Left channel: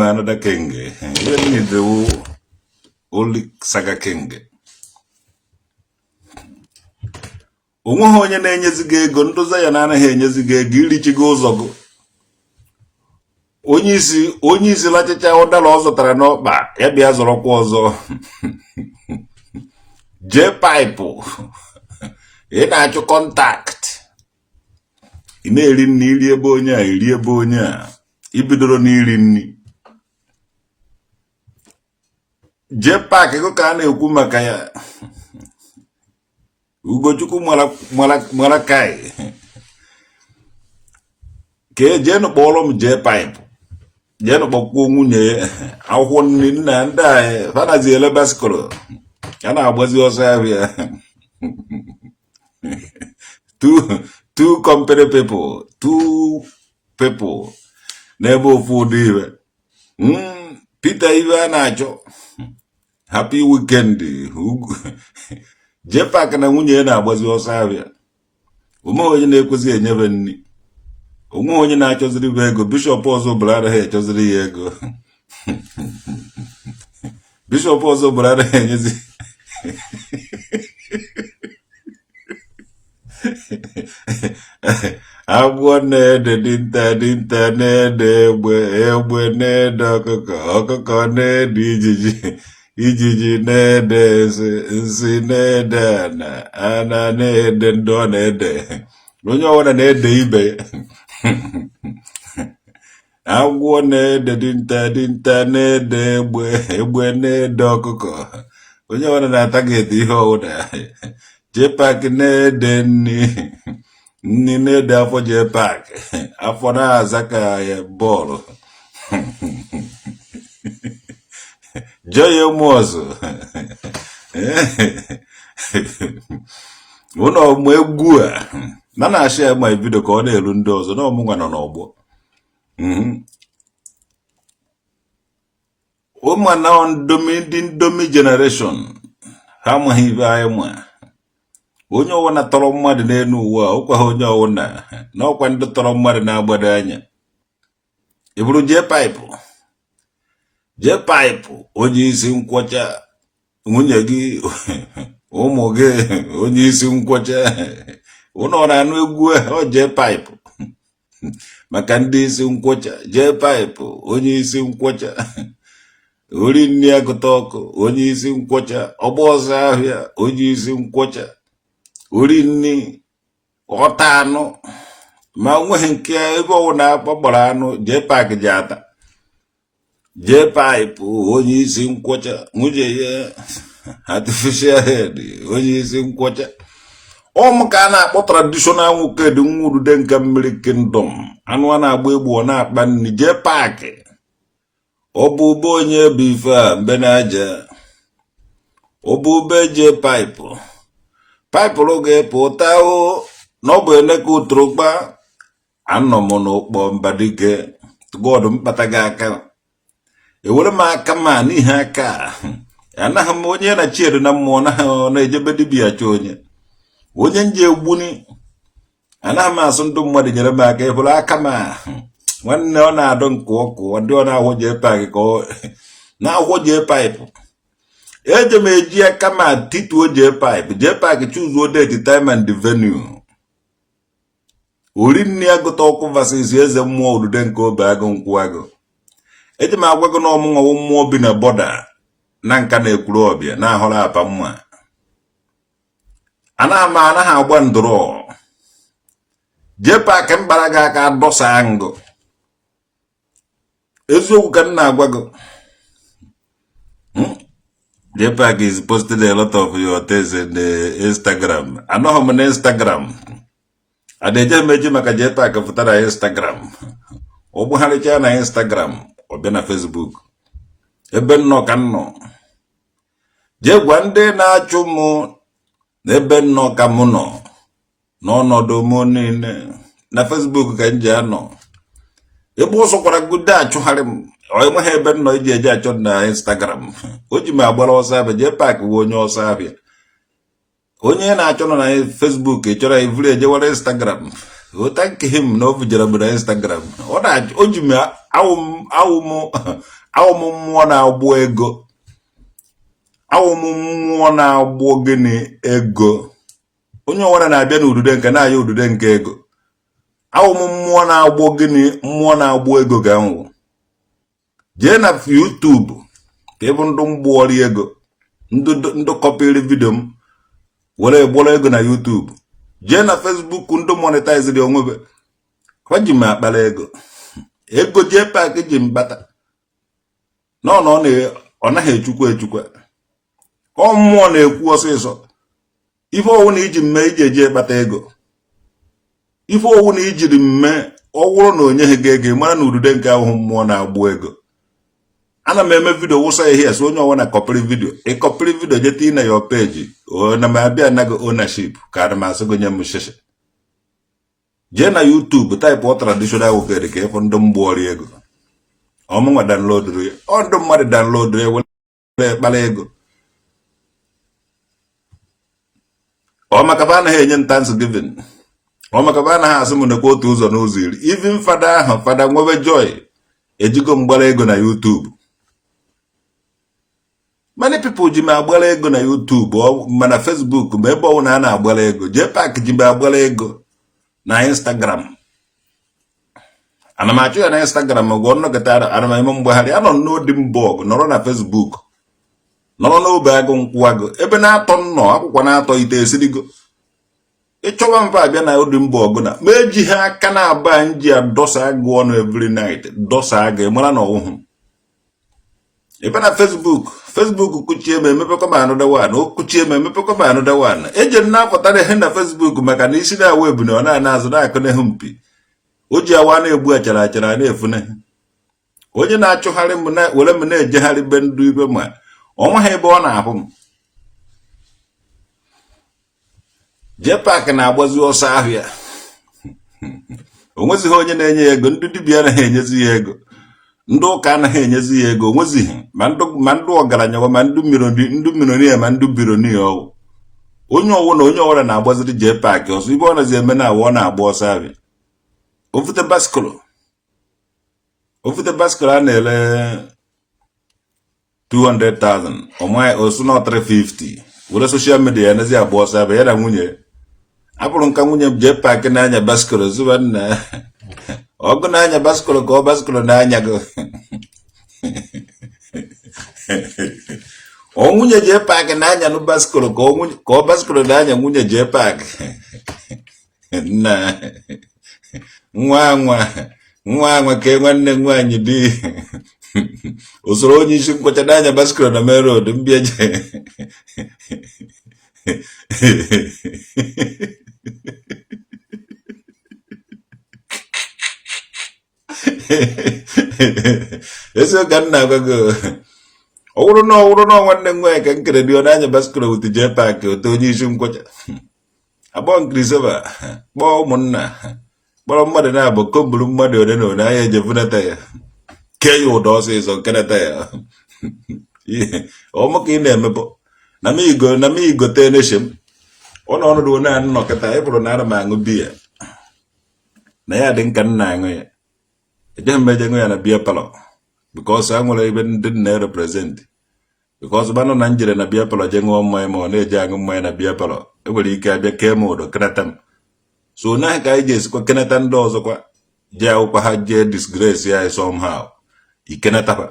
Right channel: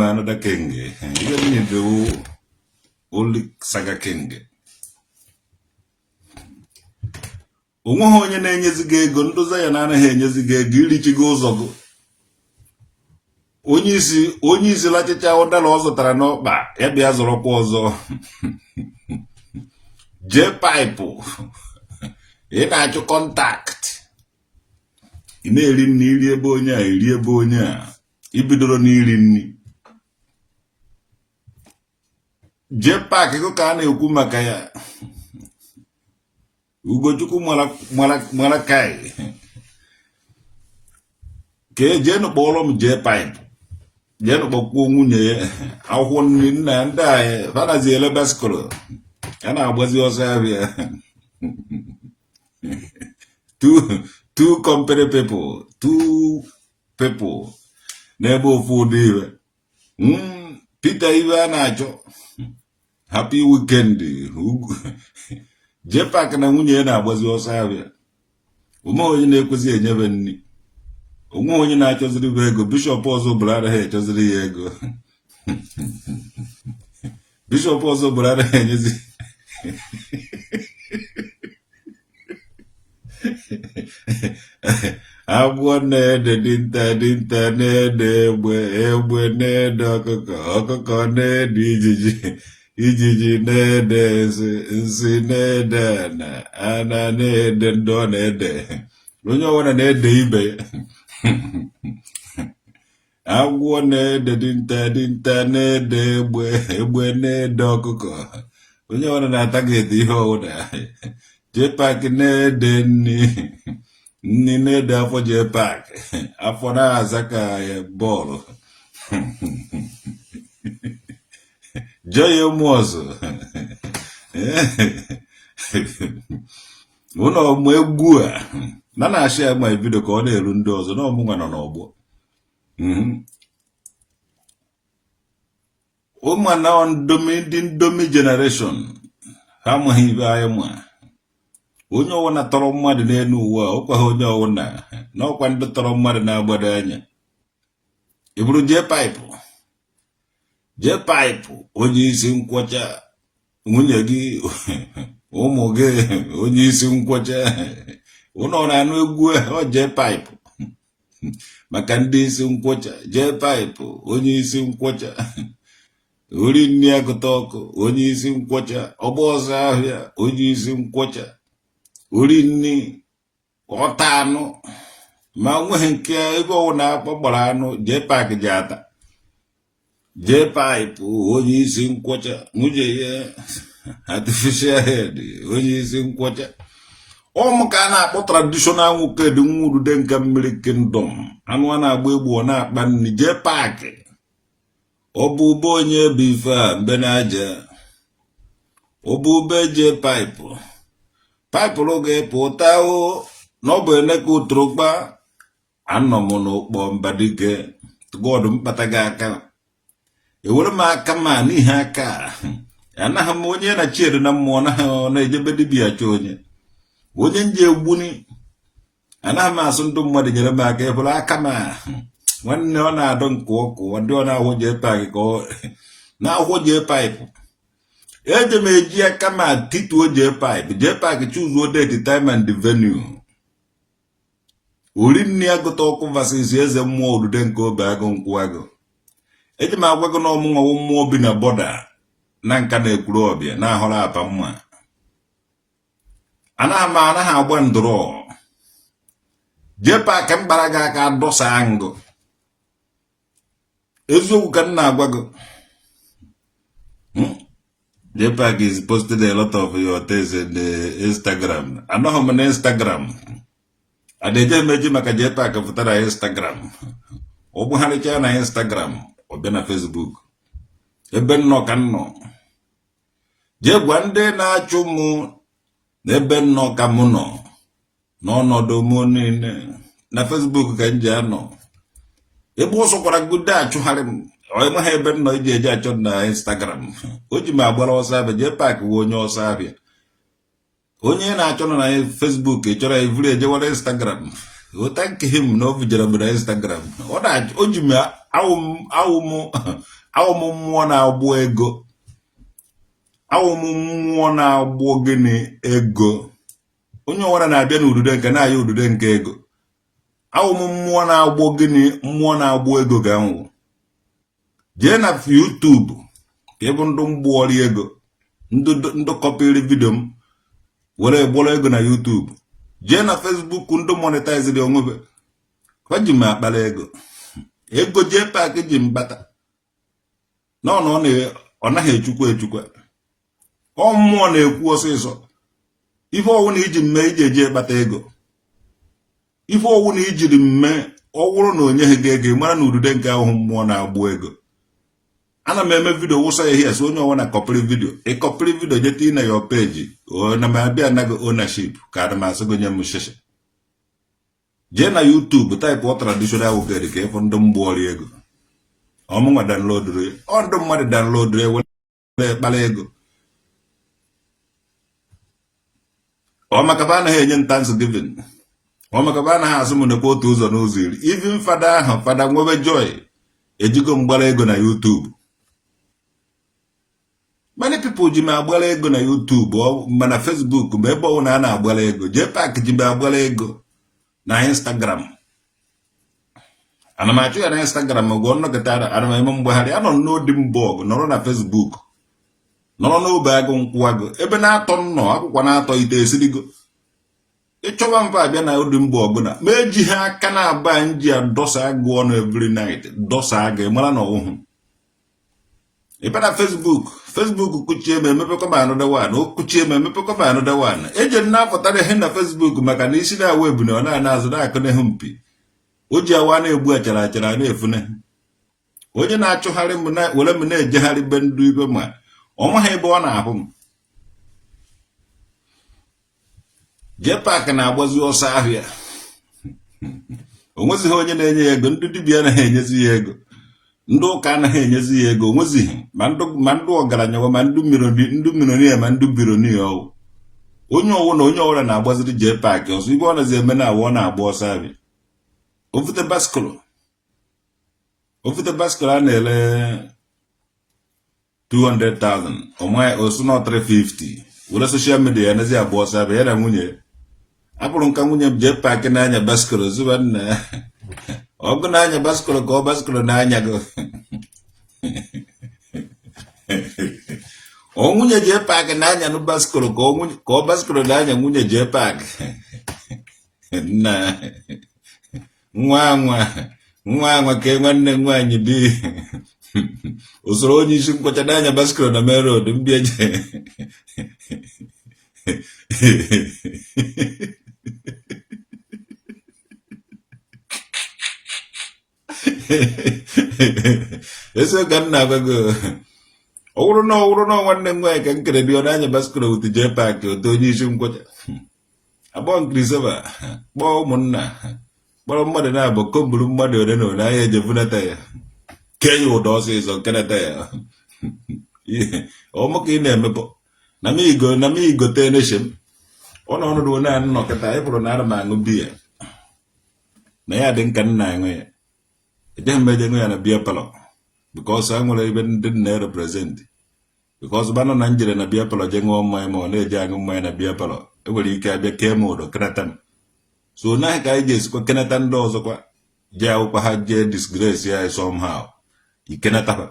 name another king. You need the only saga king. Onye na-enyeziga ego ndoza ya na anaghị enyeziga ego irichigo ụzọ go. Onye isi lachicha ụdara ọ zụtara n'ọkpa ya bịa zọrọkwa ọzọ. Jpac ị na-achụ kọntakt. Ị na-eri nri iri ebe onye a iri ebe onye a ibidoro n'iri nri. Jpac ego ka a na-ekwu maka ya. Ugochukwu mara kai ka jee kpọrọ m Jpac jee kpọkwuo nwunye akwụkwọ nri nna ndị anyị fanazi ele basikoro ya na-agbazi ọsọ ahịa. two company people two people n'ebe ofu ụdị ibe. Peter ibe a na-achọ happy weekend. Jpac na nwunye na-agbazi ọsọ ahịa. Onwe onye na-ekwezi enyebe nri. Onwe onye na-achọziri bụ ego. Bishọp ọzọ bụrụ anaghị echọziri ya ego. Bishọp ọzọ bụrụ anaghị enyezi. Agwọ na-ede dinta na-ede egbe na-ede ọkụkọ na-ede ijiji na-ede nsị na-ede ana na-ede ndị ọ na-ede. Onye ọbụla na-ede ibe. Agwọ na-ede dinta na-ede egbe na-ede ọkụkọ. Onye ọbụla na-atageti ihe ọbụla. Jpac na-ede nri na-ede afọ Jpac. Afọ na-aza ka bọọlụ. Joy Mozo. Ụlọ ọmụ egwu a na-achị ya ma ebido ka ọ na-elu ndị ọzọ na ọmụnwa nọ n'ọgbọ. Ụmụ na ndị ndomi generation ha amaghị ibe anyị ma. Onye ọwụna tọrọ mmadụ n'elu ụwa ụkwa ha onye ọwụna na ọkwa ndị tọrọ mmadụ na-agbado anya. Ị bụrụ Jpac onye isi nkwọcha nwunye gị ụmụ gị onye isi nkwọcha ụnọ na-anụ egwu ọ Jpac maka ndị isi nkwọcha. Jpac onye isi nkwọcha ori nri agụta ọkụ onye isi nkwọcha ọgba ọzọ ahịa onye isi nkwọcha ori nri ọta anụ ma nweghị nke ebe ọwụna akpagbara anụ Jpac ji ata. Jpac onye isi nkwọcha nwunye ya artificial head onye isi nkwọcha. Ọmụ ka a na-akpọ traditional nwoke dị nwurude nke mmiri kingdom anụ a na-agba egbu ọ na-akpa nri. Jpac ọ bụ ube onye bụ ife a mbe na-aja ọ bụ ube Jpac paịpụrụ ga-epụta na ọ bụ eneka ụtụrụkpa anọ m n'ụkpọ Mbadike God mkpata gị aka. Ewere m aka ma n'ihe aka anaghị m onye na chiedu na mmụọ na-ejebe dibịa achọ onye nje egbuni anaghị m asụ ndị mmadụ nyere m aka. Ebụrụ aka ma nwanne ọ na-adọ nke ọkụ ndị ọ na-ahụ Jpac ka ọ na-ahụ Jpac. Eje m eji aka ma tituo Jpac chuzuo date time and the venue. Ori nri agụta ọkụ versus eze mmụọ udude nke obe agụ nkwụ agụ. Eji m agwa gị na ọmụnwa mmụọ bi na bọda na nka na-ekwuru ọbịa na-ahụrụ apa mma. Anaghị agba ndụrọ. Jpac mbara gị aka dọsa ngụ. Eziokwu ka m na-agwa gị. Jpac is posted a lot of your things in the Instagram. Anọghị m na Instagram. Adeje meji maka Jpac fụta na Instagram. Ọ gbugharịcha na Instagram ọ bịa na Facebook. Ebe nnọọ ka nnọ. Jee gwa ndị na-achụ mụ na ebe nnọọ ka mụ nọ n'ọnọdụ mụ niile na Facebook ka m ji anọ. Ebe ọsọ kwara gude achụgharị m ọ enweghị ebe nnọọ iji eji achọ na Instagram. O ji m agbara ọsọ abịa. Jpac bụ onye ọsọ abịa. Onye na-achọ nọ na Facebook chọrọ ivuru ejewara Instagram. Oh, thank him no vijara na Instagram. Ona ojime awum mmụọ na-agbụ ego. Awum mmụọ na-agbụ gịnị ego. Onye ọwara na-abịa n'udude nke na-aya udude nke ego. Awum mmụọ na-agbụ gịnị mmụọ na-agbụ ego ga-anwụ. Jee na YouTube ka ịbụ ndụ mgbuori ego. Ndụ kọpịrị vidio m were gboro ego na YouTube. Jee na Facebook ndụ monetize dị onwebe. Kwa ji m akpara ego. Ego Jpac ji mbata. Ọ naghị echukwa. Ọ mmụọ na-ekwu ọsịsọ. Ife ọwụ na iji mme iji eji ekpata ego. Ife ọwụ na ijiri mme ọwụrụ na onye ga ego mara na udude nke ahụ mmụọ na-agbụ ego. Ana m eme video wụsa ihe so onye ọwụ na kọpịrị video. Ị kọpịrị video jeti na your page. Na m abịa nago ownership ka ana m asị gị nye m sheshe. Jee na YouTube type ọ traditional wogede ka ịfụ ndụ mgbuori ego. Ọmụnwa download ya. Ọ ndụ mmadụ download ya were kpara ego. Ọ maka ba anaghị enye Thanksgiving. Ọ maka ba anaghị asị m nekwa otu ụzọ n'ụzọ iri. Even fada ahụ fada nwebe joy ejigo mgbara ego na YouTube. Many people ji m agbara ego na YouTube mana Facebook ma ebe ọwụ na a na-agbara ego. Jpac ji m agbara ego na Instagram. Ana m achụ ya na Instagram ọgụ nnọkọta ana m eme mgbagharị anọ n'odi mbọọgụ nọrọ na Facebook nọrọ n'obe agụ nkwụ agụ ebe na-atọ nnọọ akwụkwọ na-atọ ite esirigo. Ịchọwa mba abịa na odi mbọọgụ na ma eji ha aka na-aba nji adọsa agụ ọnụ every night dọsa agụ mara na ọwụhụ. Ebe na Facebook kuchie m emepekwa m another one. O kuchie m emepekwa m another one. Eje na-apụtara ihe na Facebook maka na isi na web na ọ na-azụ na-akụ n'ihu mpi. O ji awa na-egbu achara na-efune. Onye na-achụgharị m na were m na-ejegharị be ndụ ibe ma ọ nweghị ebe ọ na-ahụ m. Jpac na-agbazi ọsọ ahịa. O nwezighị onye na-enye ya ego. Ndị dibịa anaghị enyezi ya ego. Ndị ụka anaghị enyezi ya ego. O nwezighị ma ndị ọgaranya ma ndị milionia ma ndị bironia ọwụ. Onye ọwụ na onye ọwụra na-agbaziri Jpac ọsọ ibe ọ nazi eme na awọ na-agba ọsọ ahịa. Ofute baskụlụ a na-ele 200,000 osu na 350 were social media ya nazi agba ọsọ abịa ya na nwunye. Abụrụ nka nwunye m Jpac na-anya baskụlụ zuba nna ọgụ na-anya baskụlụ ka ọ baskụlụ na-anya gị. O nwunye Jpac na-anya nụ baskụlụ ka ọ baskụlụ na-anya nwunye Jpac. Nna nwa ka nwanne nwaanyị dị usoro onye isi nkwụcha n'anya baskụlụ na main road mbịaje. Eso ka nna agwago ọwụrụ na nwanne nwaanyị ka nkere dị ọ n'anya baskụlụ wute Jpac otu onye isi nkwụcha. Abụọ nkrisova kpọọ ụmụnna kpọrọ mmadụ na-abụ komburu mmadụ one na one ahịa ejevunata ya kee ya ụda ọsịsọ nkenata ya. Ọmụ ka ị na-emepụ na m igote neshem ọ na ọnọdụ onye a nnọkịta ịbụrụ na ana m aṅụ biya na ya dị nka nna aṅụ ya ejeghị m eje ṅụ ya na biya palọ bikọs a nwere ebe ndị na-represent bikọs banụ na njere na biya palọ je ṅụọ mmanya ma ọ na-eje aṅụ mmanya na biya palọ enwere ike abịa kee m ụdọ kenata m. So naghị ka anyị ga-esikwa kenata ndị ọzọkwa jee akwụkwa ha jee disgrace ya somehow ikenataba.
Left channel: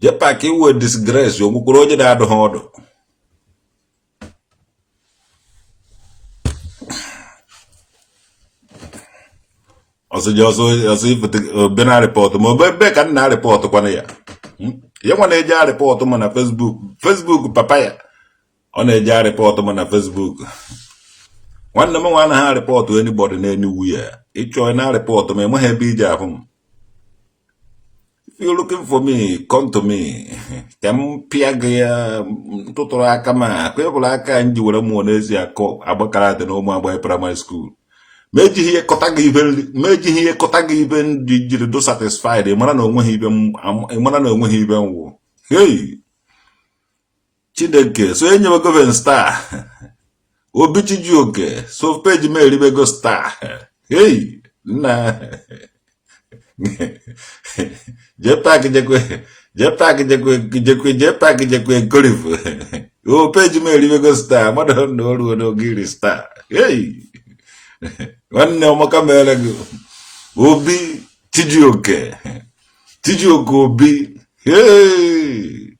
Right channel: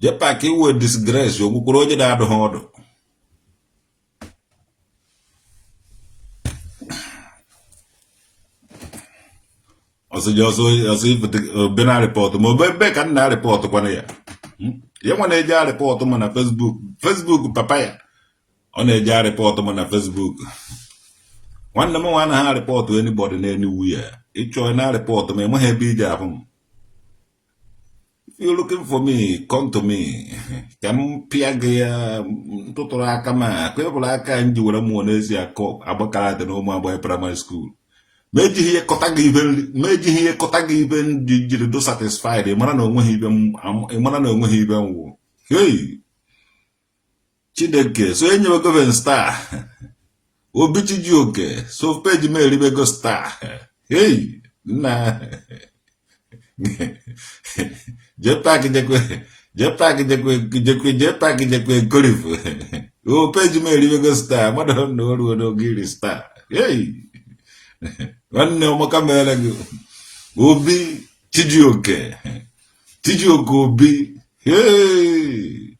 Jpac iwe disgrace ogbukwuru onye na-adụ ha ọdụ. ọsọ ifute obe na rịpọtụ ma obe ebe ka nna rịpọtụ kwana ya. Ya nwa na-eje arịpọtụ ma na Facebook papa ya ọ na-eje arịpọtụ ma na Facebook. Nwanne m nwa anaghị arịpọtụ anybody na-eniwu ya ịchọ na arịpọtụ ma enweghị ebe ije ahụ m. If you're looking for me, come to me. Ka m pịa gị ya ntụtụrụ aka ma ka ebụrụ aka nji were mmụọ n'ezi akọ agbakara dị na ụmụ agbara primary school. Ma ejighị ihe kọta gị ibe ndị jiri do satisfied ịmara na onweghị ibe nwụ. Hey! Chideke so enyewe gọvan star Obi Chijioke. So page me ribego star. Hey, na. Jpac Jpac Korifu. Oh, page me ribego star. Madam no giri star. Hey. One no makamela. Obi Chijioke. Chijioke Obi. Hey.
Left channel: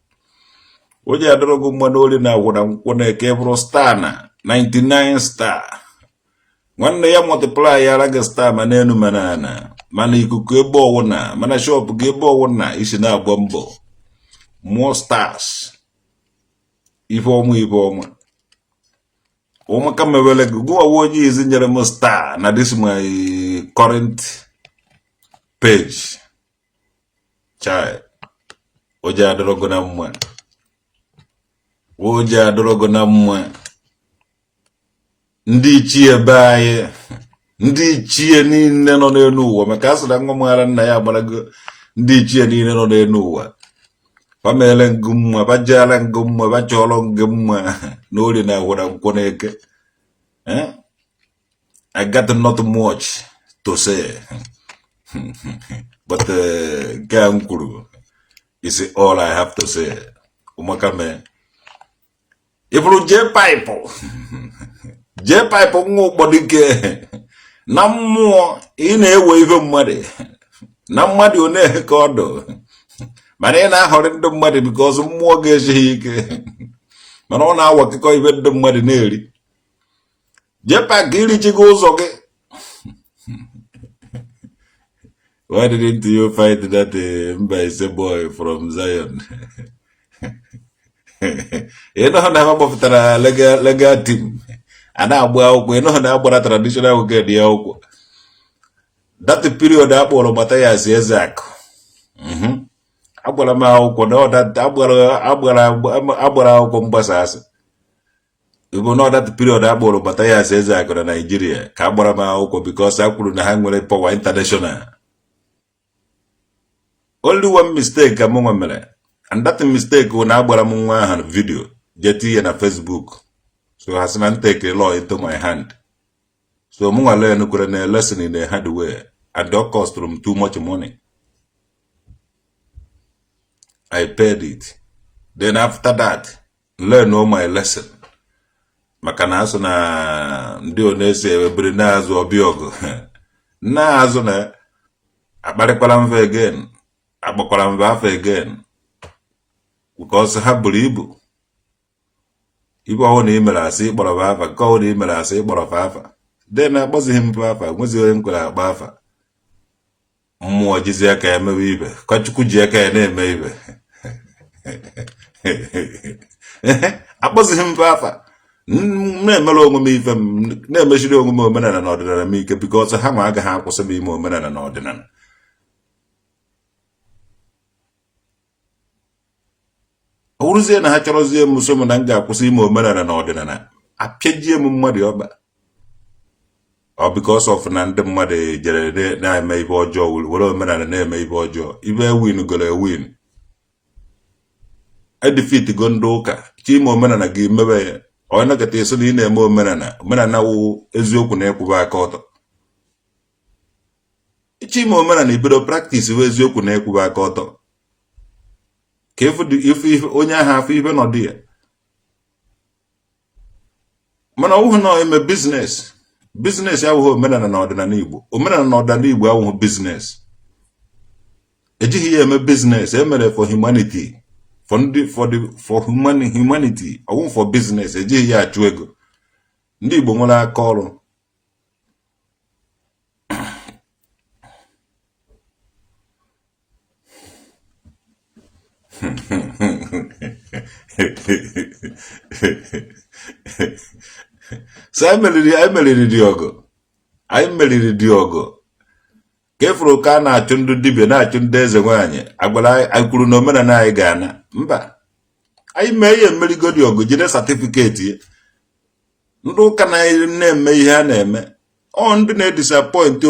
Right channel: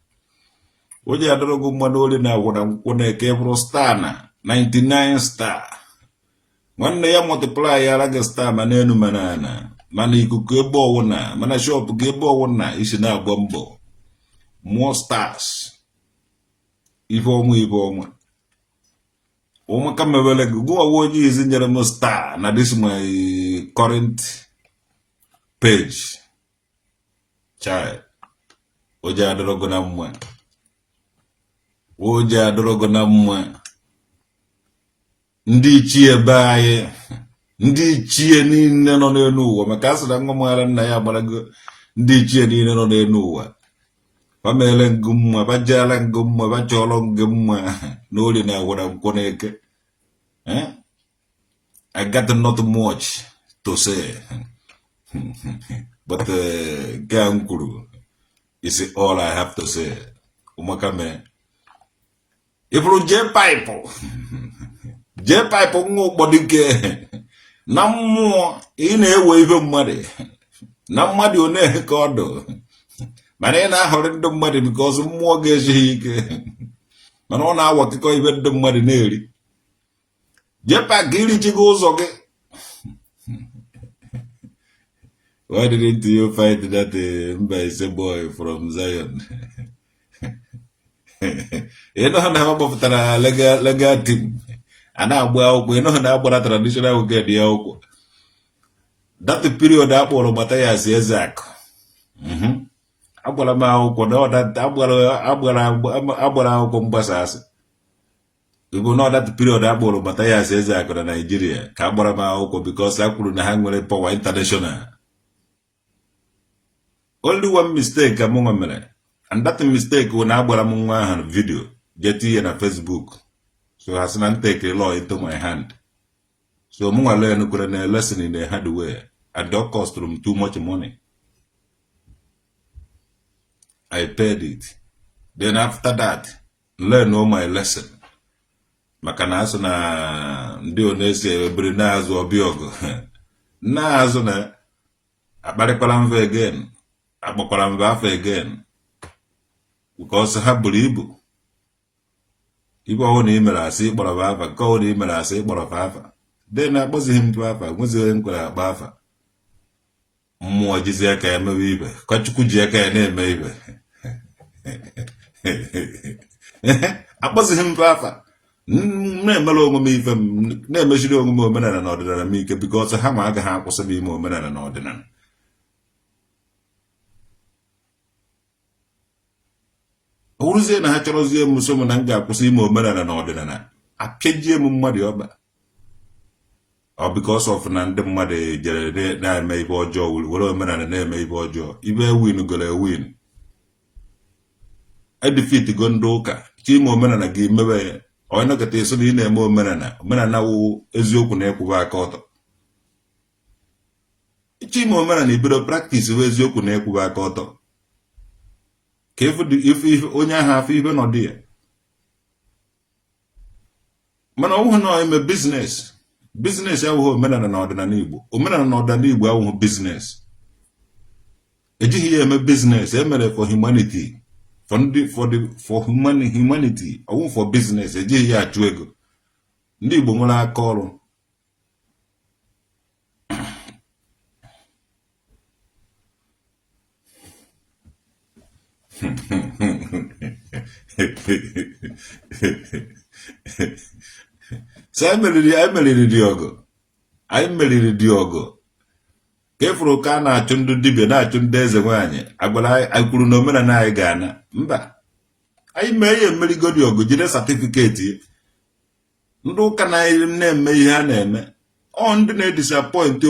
Oje adorogo manoli na wona nkone kebro star na 99 star. Nwanne ya multiply ya raga star manenu manana. Mana ikuku ebe ọwụna, mana shop gị ebe ọwụna isi na-agba mbọ. More stars. Ife ọma. Ụmụ ka mewele gị gụwa onye izi nyere m star na this my current page. Child. Oje adorogo na mma. Oje adorogo na mma. Ndị ichie be anyị. Ndị ichie niile nọ n'elu ụwa maka asị na nwa mara nna ya agbarago ndị ichie niile nọ n'elu ụwa. Pamele ngụ mma, bajala ngụ mma, bachọrọ ngụ mma n'ori na agwara nkwọ n'eke. I got not much to say. But Gang Kuru is all I have to say. Umaka me. If you Jpac ngo bodike. Na mmụọ ị na-ewe ife mmadụ na mmadụ one ka ọdụ mana ị na-ahọrọ ndị mmadụ because mmụọ ga-ejighị ike mana ọ na-awa akụkọ ife ndị mmadụ na-eri. Jpac irichigo ụzọ gị. Why didn't you fight that Mbaise boy from Zion? Ị nọ na ha gbapụtara legal team. Ana agba akwụkwọ eno na agbara traditional oge dị akwụkwọ. That period akpọrọ mata ya si Ezak. Agbara m akwụkwọ na agbara akwụkwọ mgbasa asị. Ibo na that period akpọrọ mata ya si Ezak na Nigeria ka agbara m akwụkwọ because a kwuru na ha nwere power international. Only one mistake ka mụ mere, and that mistake na agbara m nwa ahụ video jeti ya na Facebook. So I can take a law into my hand. So I learn a lesson in a hard way. At that cost them too much money. I paid it. Then after that, learn all my lesson. Makanaso na ndio nese brinazo obiogo. Na azo na abarekwalamve again. Abakwalamve again. Because I have believe. Ibu ahụ na imere asị ịkpọrọ afa ka ọ na imere asị ịkpọrọ afa den akpọzighị m afa nwezighị onye nkwere akpa afa mmụọ jizi aka ya mewe ibe ka Chukwu ji aka ya na-eme ibe akpọzighị m afa na-emere onwe m ife m na-emechiri onwe m omenala na ọdịnala m ike because ha ma agaghị akwụsị m ime omenala na ọdịnala. Uruzie na ha chọrọzie m so m na m ga-akwụsị ime omenala na ọdịnala apịajie m mmadụ ọba ọ because of na ndị mmadụ jere na-eme ibe ọjọọ were omenala na-eme ibe ọjọọ ibe win goro win edefeat go ndị ụka chi ime omenala gị mebe ya onye nakọta eso na ị na-eme omenala wụ eziokwu na ịkwụba aka ọtọ. Chi ime omenala ibido practice wụ eziokwu na ịkwụba aka ọtọ. If onye ahụ afọ ibe nọ dị ya mana ọ bụghị na ime business ya abụghị omenala na ọdịnala Igbo. Omenala na ọdịnala Igbo abụghị business. Ejighị ya eme business emere for humanity for humanity ọ bụghị for business. Ejighị ya achụ ego. Ndị Igbo nwere aka ọrụ. So I meriri Diogo. Kefuru ka na-achụ ndị dibịa na-achụ ndị eze nwaanyị agbara anyị kwuru na omenala anyị ga-ana mba anyị mee ihe mmerigo Diogo jide certificate. Ndị ụka na-eme ihe ha na-eme ọ ndị na-edisappoint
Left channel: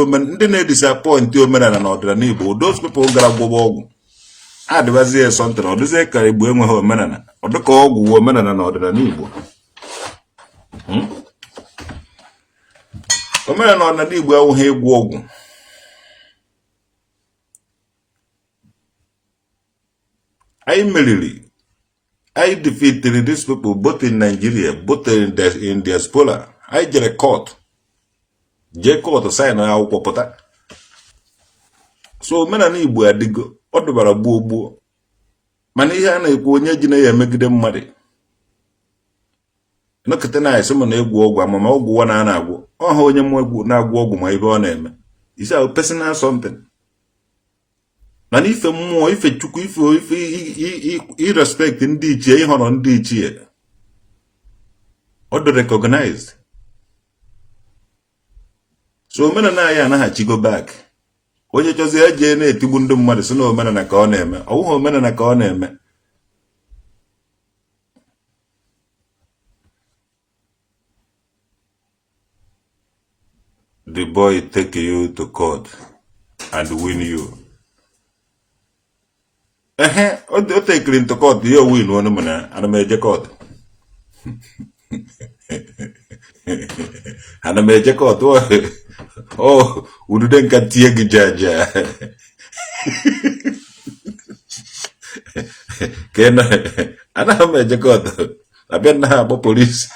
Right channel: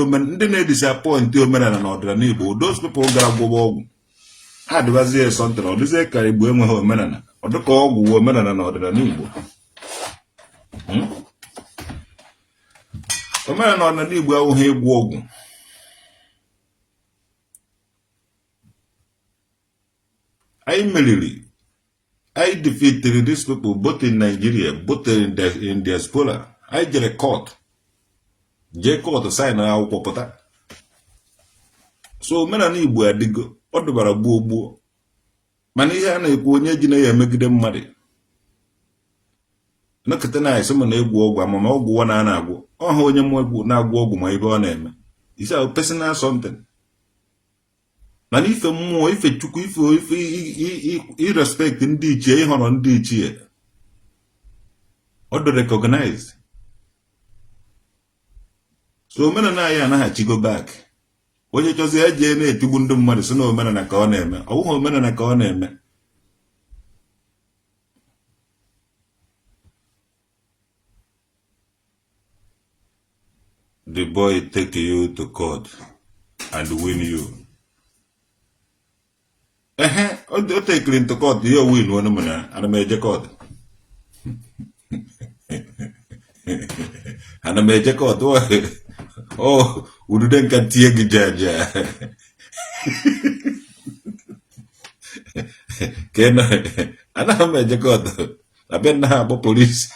omenala na ọdịnala Igbo. Those people gara gwọba ọgwụ adịbazie sọntịna ọ dịzie ka Igbo enweghị omenala ọ dịka ọgwụ omenala na ọdịnala Igbo. Omenala na Igbo awụghị egwu ọgwụ. I merely, I defeated these people both in Nigeria, both in diaspora. I jere court. Je court sign akwụkwọ pụta. So omenala Igbo adịgo, ọ dụbara gbuo gbuo. Mana ihe a na-ekwu onye ji na ya emegide mmadụ. Nọkịta na-esi m na egwu ọgwụ amama ọgwụ wa na-agwụ. Ọha onye mụ egwu na-agwụ ọgwụ ma ibe ọ na-eme. Is a personal something. Mana ife mmụọ, ife chukwu, ife irrespect ndị ichie, ịhọrọ ndị ichie. Ọ dị recognized. So omenala anyị anaghị go back. Onye chọzi eje na-etigbu ndị mmadụ sị na omenala ka ọ na-eme. Ọ bụghị omenala ka ọ na-eme. The boy take you to court and win you. O take you to court, you win one man, and I made a court. And I made a court. Oh, we didn't get the judge. Can I made a court? I bet now about police.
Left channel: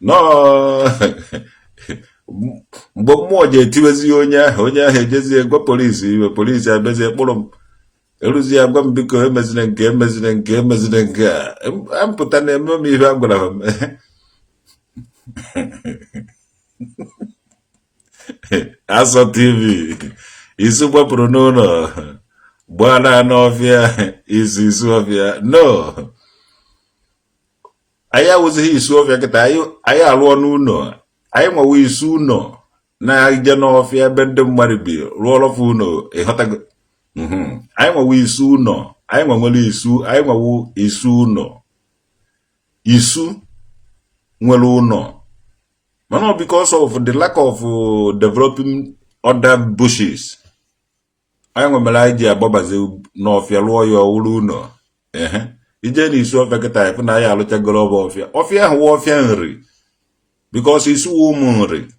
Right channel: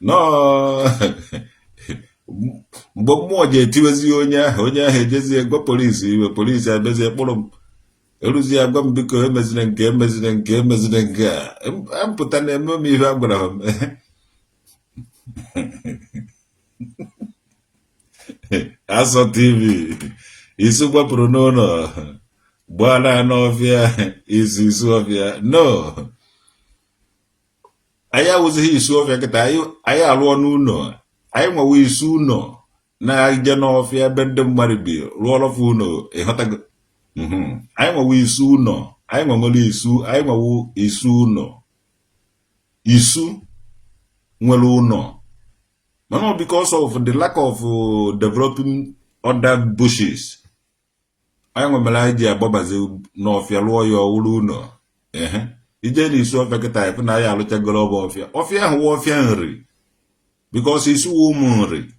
No. Mgbe mmụọ ji etiwezi onye ahụ ejezie gwa polisi abịazie kpụrụ m eruzie agwa m biko emezina nke a ampụta na-eme m ihe a gwara m. Asọ TV isu gbapụrụ n'ụlọ gbala n'ọfịa isu ọfịa. No, anyị awụzighị isu ọfịa kịta, anyị alụọ n'ụlọ. Anyị nwewe isu ụnọ na-eje n'ọfịa ebe ndị mmadụ bi rụọ ọrọfụ ụnọ ịghọtago. Anyị nwewe isu ụnọ, anyị nwewe isu ụnọ, isu nwere ụnọ. Mana because of the lack of developing other bushes, anyị nwemere anyị ji agbabazi n'ọfịa rụọ ya ọwụrụ ụnọ. Ije n'isu ọfịa kịta ịfụ na anyị alụchagoro ọfịa ahụ ọfịa nri. Because it's womanry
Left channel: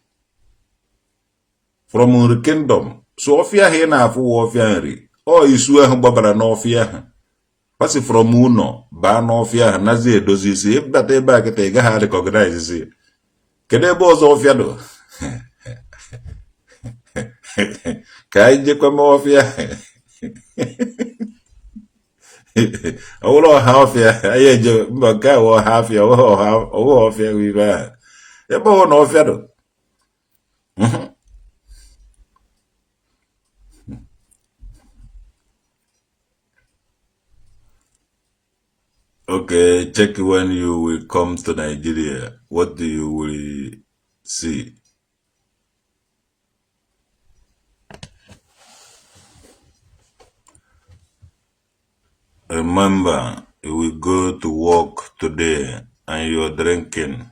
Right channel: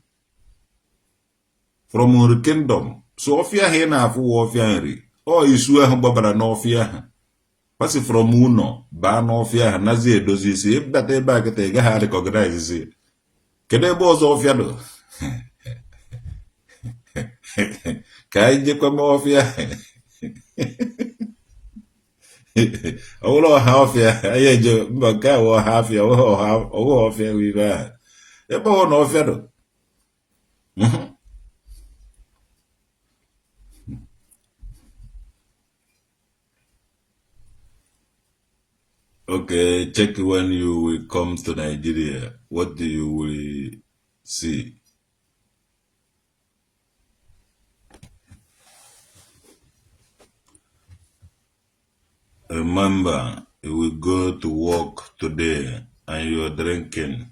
from the kingdom. So ofia here na afu ofia nri. O isu ahụ gbabara n'ofia ha. Pasi from uno ba n'ofia ha nazi edozi isi. Ebata ebe a kịta ị gaghị recognize isi. Kedu ebe ọzọ ofia do? Ka anyị jekwa me ofia. Ọwụrụ ọha ofia. Anyị eje mba nke a ọha afia. Ọwụ ofia wibe ha. Ebe ọ na ọfịa do. Okay, check when you will come to Nigeria. What do you will see? Remember, you will go to work today and you're drinking.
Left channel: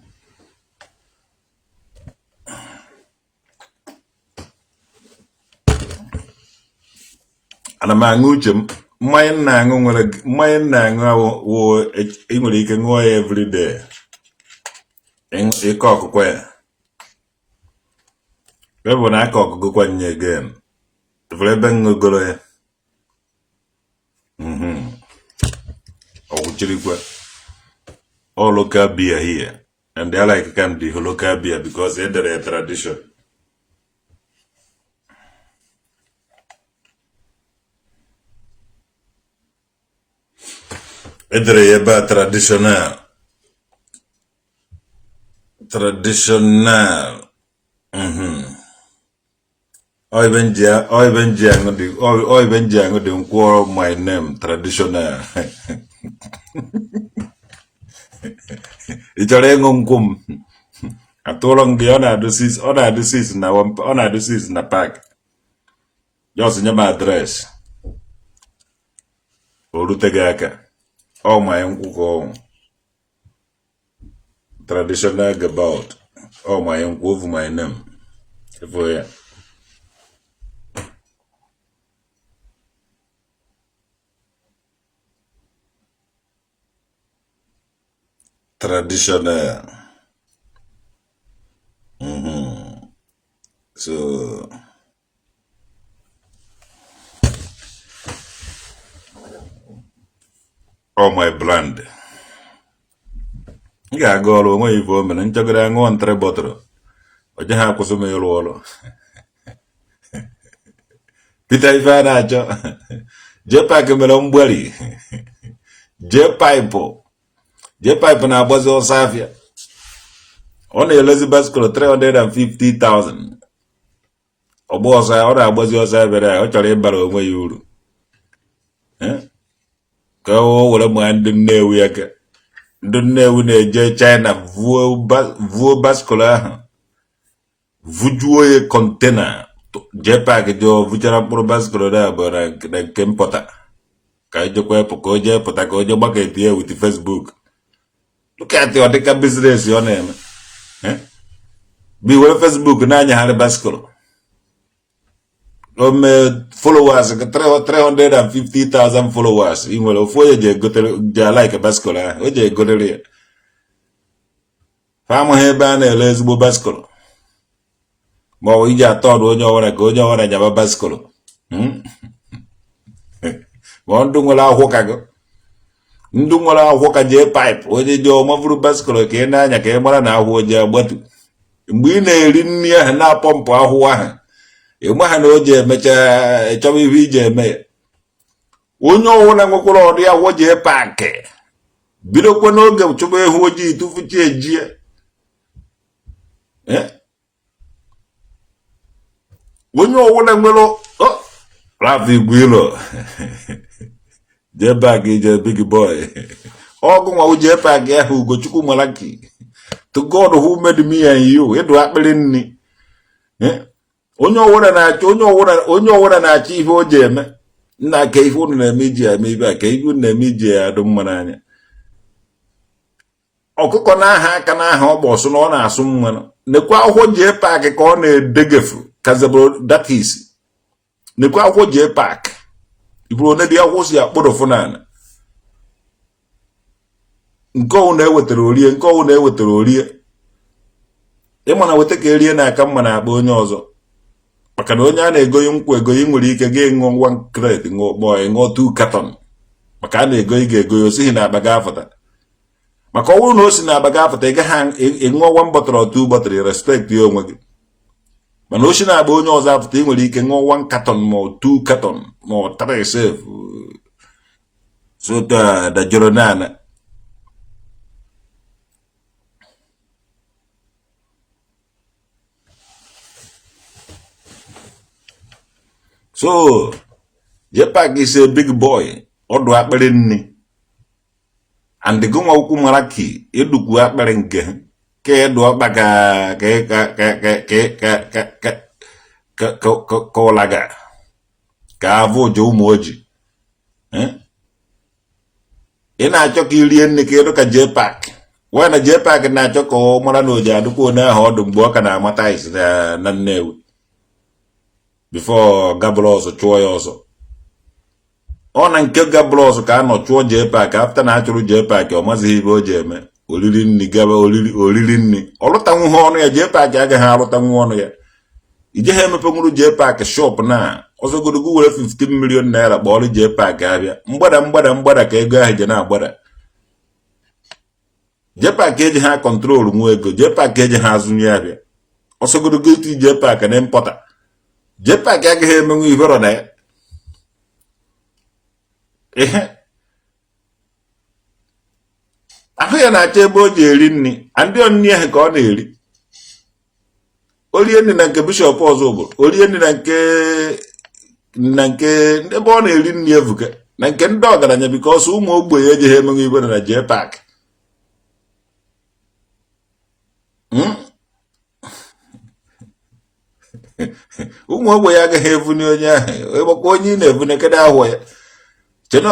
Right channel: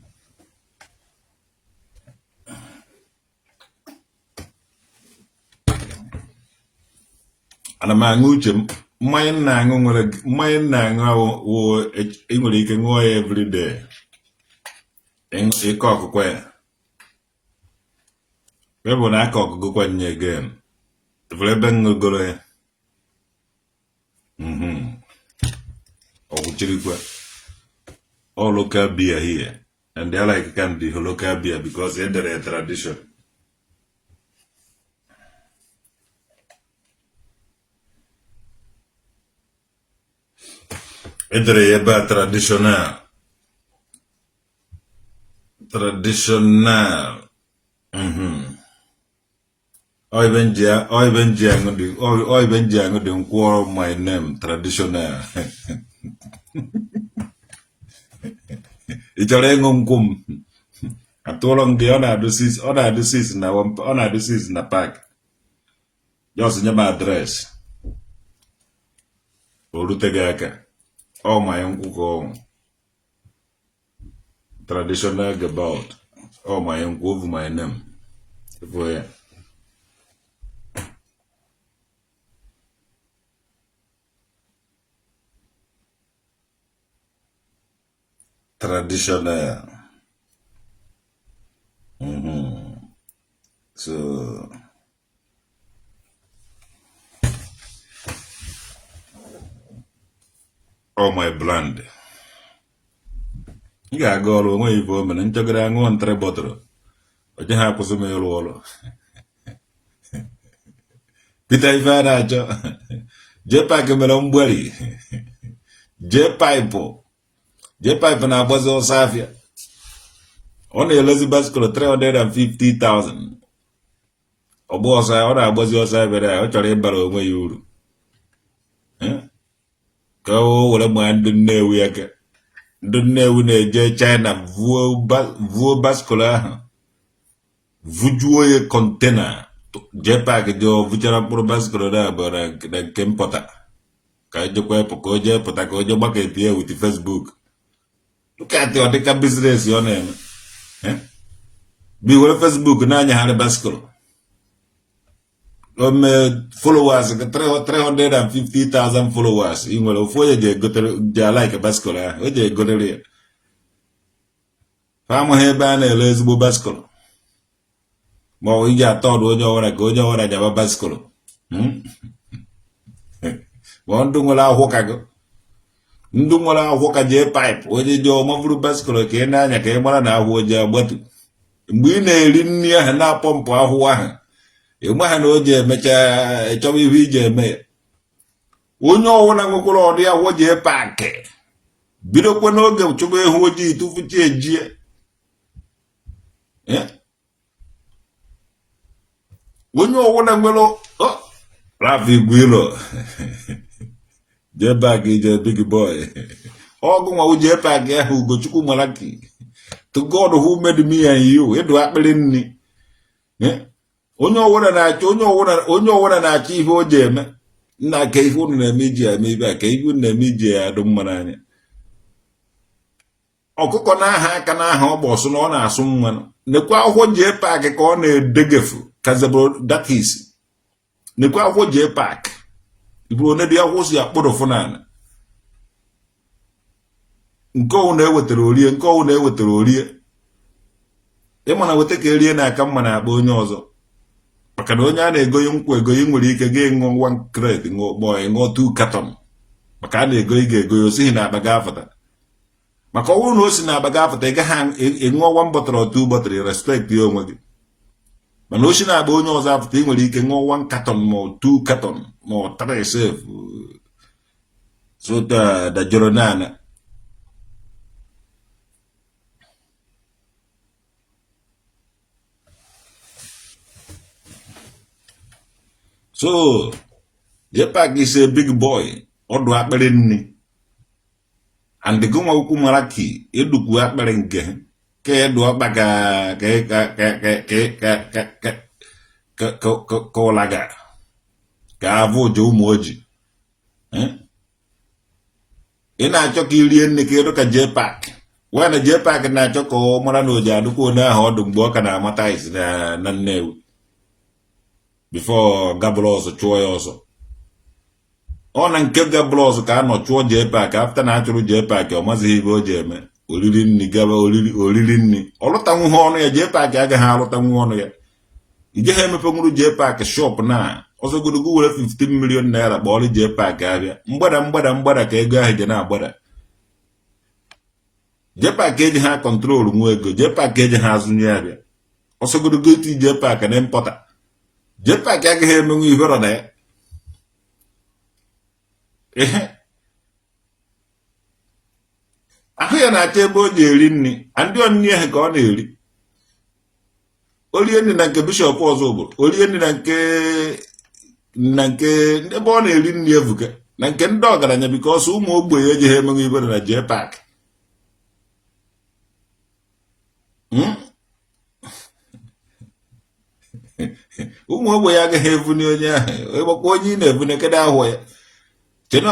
Ana m aṅụ uche m mmanya na-aṅụ wụ ị nwere ike ṅụọ ya everyday ịkọ ọkụkọ ya ebe na aka ọkụkọ kwa nye again ifere ebe ṅụgoro ya ọgwụchirikwa all local beer here and they like can the local beer because they're a tradition. Edere ebe traditional. Oi benji ango di nkwọ my name traditional. Ichọrọ ịṅụ nkwụ m. Atụrụ m gị ọ na-adụ sis na park. Just nye m adreesị. O rute gị aka. Oh my uncle traditional about. Oh my uncle over my name. For ya. Traditional. So all my brand. Yeah, go all away for me and check it out on Trebotro. But you have to me all. Did I find out? Jpac melon belly. Jpac na Bazo Safia. Only Elizabeth got 350,000. O boss, I order Bazo Safia. I tell you about where you. Go over the man, the new week. The new China, Vuo Bascola. Vujuoye container. Jpac do Vuchara Pro Bascola, but I came potter. Kajo Koje, Potakojo bucket here with the Facebook. Look at your take a business, your name. Be well Facebook, Nanya had a basket. Followers, 350,000 followers. In well, of Voyager got like a basket. Oje got a Farmer Heban, a lesbo basket. But we got thought when you want to go, you want to have a basket. One do well, I'll walk. Ndungwala hoka Jpac oje jo mavuru baskolo ke na nya ke mara na ho je gbatu mgbe na eri nni ha na pompo ahụ ahụ egba ha na oje mecha echobi ihu je eme onye owo na nwekwara ọdị ahụ Jpac bidokwa n'oge chụba ehu oji tufuchi ejie onye owo na nwere Rafi Gwilo Jpac is a big boy. Oguma Jpac who go chuku malaki. To God who made me and you, it do happen ni. Onyo wana na achieve o jeme. Na keifu na media, maybe a keifu na media, don't mananya. Okuko na ha kana ha oboso no na asum no. Ne kwa ho Jpac ka ọ na degefu. Kazabo that is. Ne kwa ho Jpac. Ibro ne dia ho si akpodo funana. Nko na ewetara orie. Ịma na wete ka erie na aka mma na akpa onye ọzọ. Maka na onye a na-egoyi nkwu egoyi nwere ike ga ịṅụ 1 crate ṅụọ 2 carton. Maka a na-egoyi ga-egoyi osighi na akpa ga-afụta. Maka ọ bụrụ na o si na akpa ga-afụta ị gaghị ịṅụọ 1 bottle or 2 bottle respect ya onwe gị. Mana o si na akpa onye ọzọ afụta ị nwere ike ṅụọ 1 carton ma 2 carton ma 3 save. So da joro nana. So, Jpac is a big boy. Odo akpere nni. And the goma uku maraki. Eduku akpere nke. Ke edo akpaka. Ka olaga. Ka avo jo umoji. Ina achọ ka irie nni ka edo ka Jpac. Wana Jpac na achọ ka ọ mara na oji aduko na ahụ ọdụ mgbe ọ ka na-amata isi na Nnewi. Before Gablos chụọ ya ọzọ. Ọ na nke Gablos ka anọ chụọ Jpac after na achụrụ Jpac ọ mazighị ibe o ji eme oriri nni gaba oriri nni ọlụtanwu ha ọnụ ya Jpac agaghị alụtanwu ọnụ ya ijeghị emepenwuru Jpac shop na ọzọgodogo were 15 million naira kpọọrọ Jpac abịa mgbada ka ego ahụ je na-agbada Jpac eji ha kọntrol nwa ego Jpac eji ha azụnye abịa ọsọgodogo iti Jpac na impọta Jpac agaghị emenwu ibero na ya ahụ ya na-achọ ebe o ji eri nri ndị onni ahụ ka ọ na-eri orie nri na nke bishọp ọzọ obodo orie nri na nke ebe ọ na-eri nri evuka na nke ndị ọgaranya bikọs ụmụ ogbenye ejighị emenwu ibero na Jpac ụmụ ogbenye agaghị evuni onye ahụ ịgbakwa onye ị na-evune kedu ahụ ya chena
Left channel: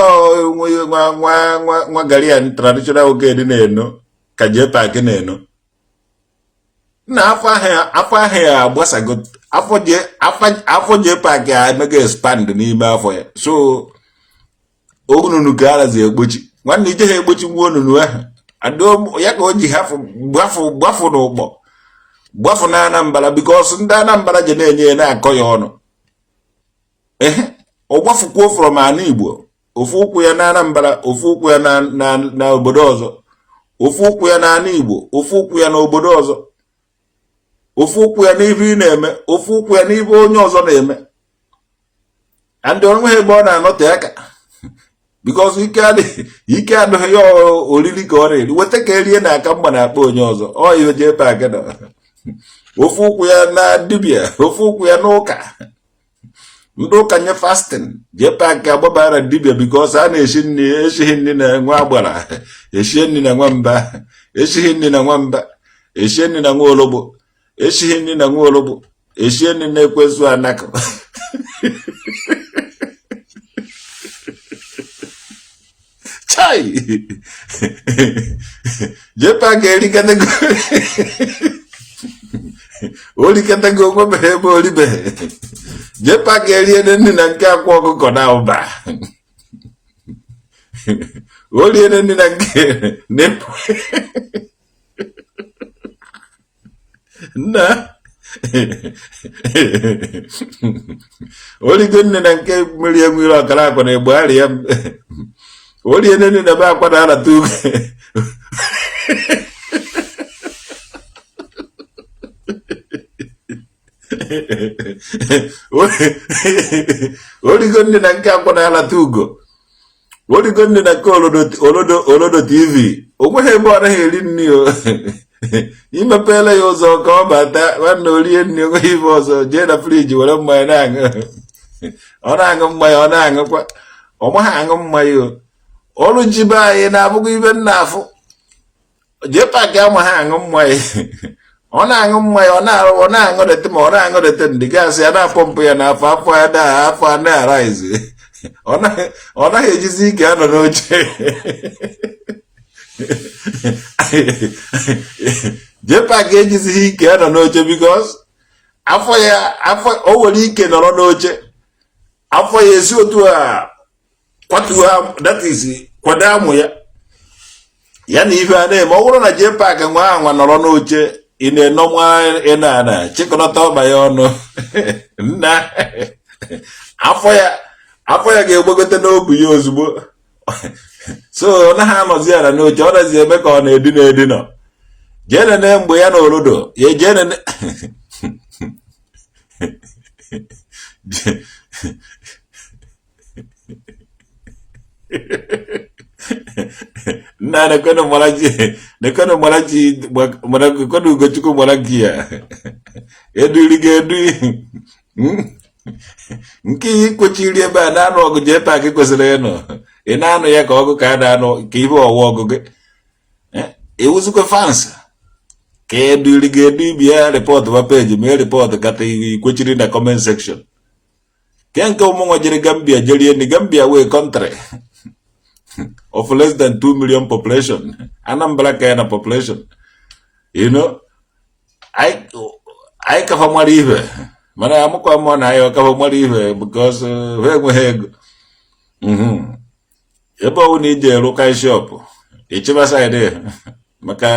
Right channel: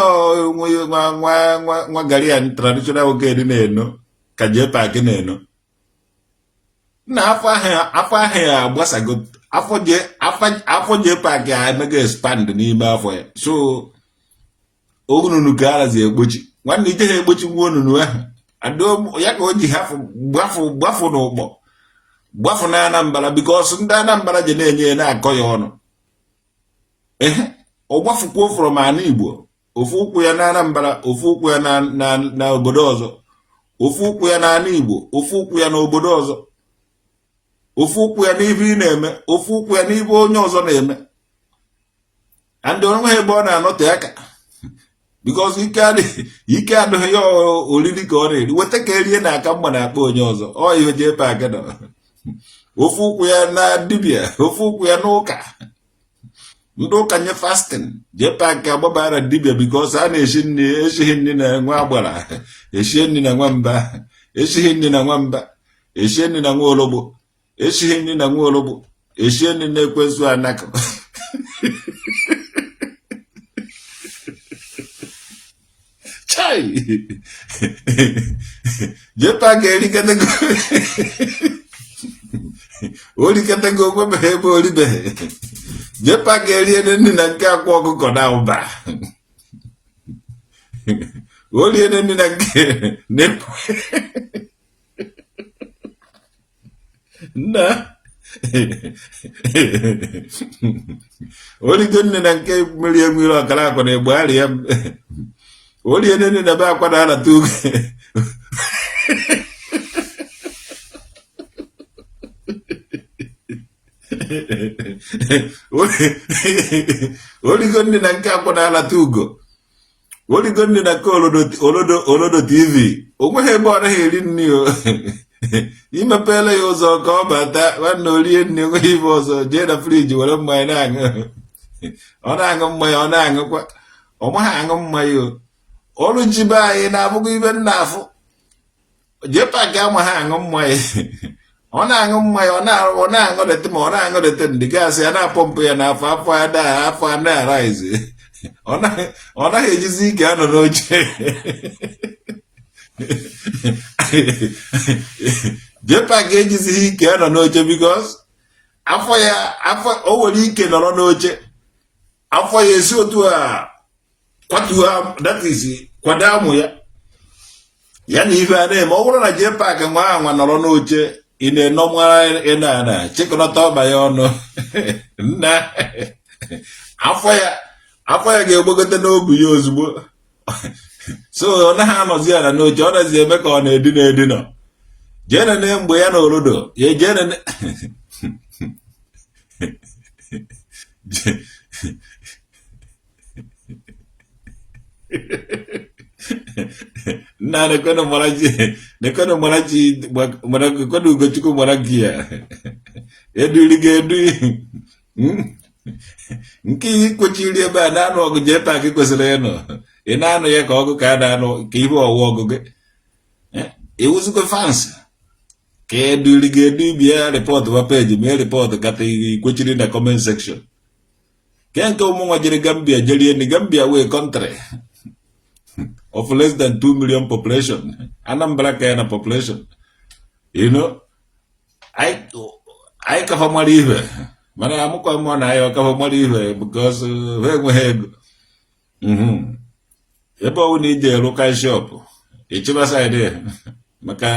nwa Garian traditional oge dị na-eno ka Jpac na-eno na afọ ahụ ya agbasago afọ Jpac ya emega expand n'ime afọ ya so onunu ka arazi egbochi nwanne ije ha egbochi nwa onunu ahụ ya ka o ji gbafu n'ụkpọ gbafu na Anambra because ndị Anambra je na-enye na-akọ ya ọnụ ọ gbafukwuo from ana Igbo ofu ụkwụ ya na Anambra ofu ụkwụ ya na obodo ọzọ ofu ụkwụ ya na ana Igbo ofu ụkwụ ya na obodo ọzọ ofu ụkwụ ya n'ibe ị na-eme ofu ụkwụ ya n'ibe onye ọzọ na-eme and onwe ebe ọ na-anọte aka because ike adịghị ya oriri ka ọ na-eri weta ka erie na aka mgba na-akpa onye ọzọ ọ ihe Jpac nọ ofu ụkwụ ya na dibia ofu ụkwụ ya n'ụka ndị ụka nye fasting Jpac agbabara dibia because a na-eshi nri eshighị nri na nwa agbara eshie nri na nwamba eshighị nri na nwamba eshie nri na nwa ologbo eshighị nri na nwa ologbo eshie nri na ekwensu anakụ chai Jpac erikatago olikatago nwebeghị ebe oribeghị Jpac eriene nri na nke akwa ọkụkọ na ụba oliene nri na nke na-epu nna oligo nne na nke mmiri emiri ọkara akwa na egbugharị ya oliene nri na be akwa na alata ugo oligo nne na nke akwa na alata ugo oligo nne na nke olodo TV onweghị ebe ọ naghị eri nri o imepela ya ụzọ ka ọ bata nwanne orie nri onweghị ibe ọzọ jee na friji were mmanya na-aṅụ ọ na-aṅụ mmanya ọ na-aṅụkwa ọ maghị aṅụ mmanya o ọrụ njibe anyị na-abụghị ibe nna afụ Jpac amaghị aṅụ mmanya ọ na-aṅụ mmanya ọ na-aṅụdete ma ọ na-aṅụdete ndị gasị ya na-apọmpụ ya n'afọ afọ ya na afọ a na-araizi ọ naghị ejizi ike anọ n'oche Jpac ejizighị ike anọ n'oche because afọ o nwere ike nọrọ n'oche afọ ya esi otu a kwatuo that is kwado amụ ya na ife a na-eme ọ bụrụ na Jpac nwa anwa nọrọ n'oche ị na-enọnwa ịna chịkọnọta ọba ya ọnụ nna afọ ya ga-egbagote n'obi ya ozugbo so ọ naghị anọzi ala n'oche ọ nazi eme ka ọ na-edina jee nene mgbe ya na olodo ya jee nene nna nekwenu ugochukwu gbara gị ya eduri gị edu nke ihe kpochiri ebe a na-anụ ọgụ Jpac kwesịrị ịnọ ị na-anụ ya ka ọgụ ka a na-anụ ka ihe ọwa ọgụ gị ewuzikwa fans ka eduri gị edu ibi ya rịpọtụ ba peji mee rịpọtụ kata ikwochiri na comment section ke nke ụmụnwa jere Gambia jerie ndị Gambia wee country of less than 2 million population Anambra ka ya na population anyị kafa mara ihe mana amụkwa mmụọ na anyị ọkafa mara ihe because ha enweghị ego ebe ọwụ na ije rụka shop ịchịba saịdị maka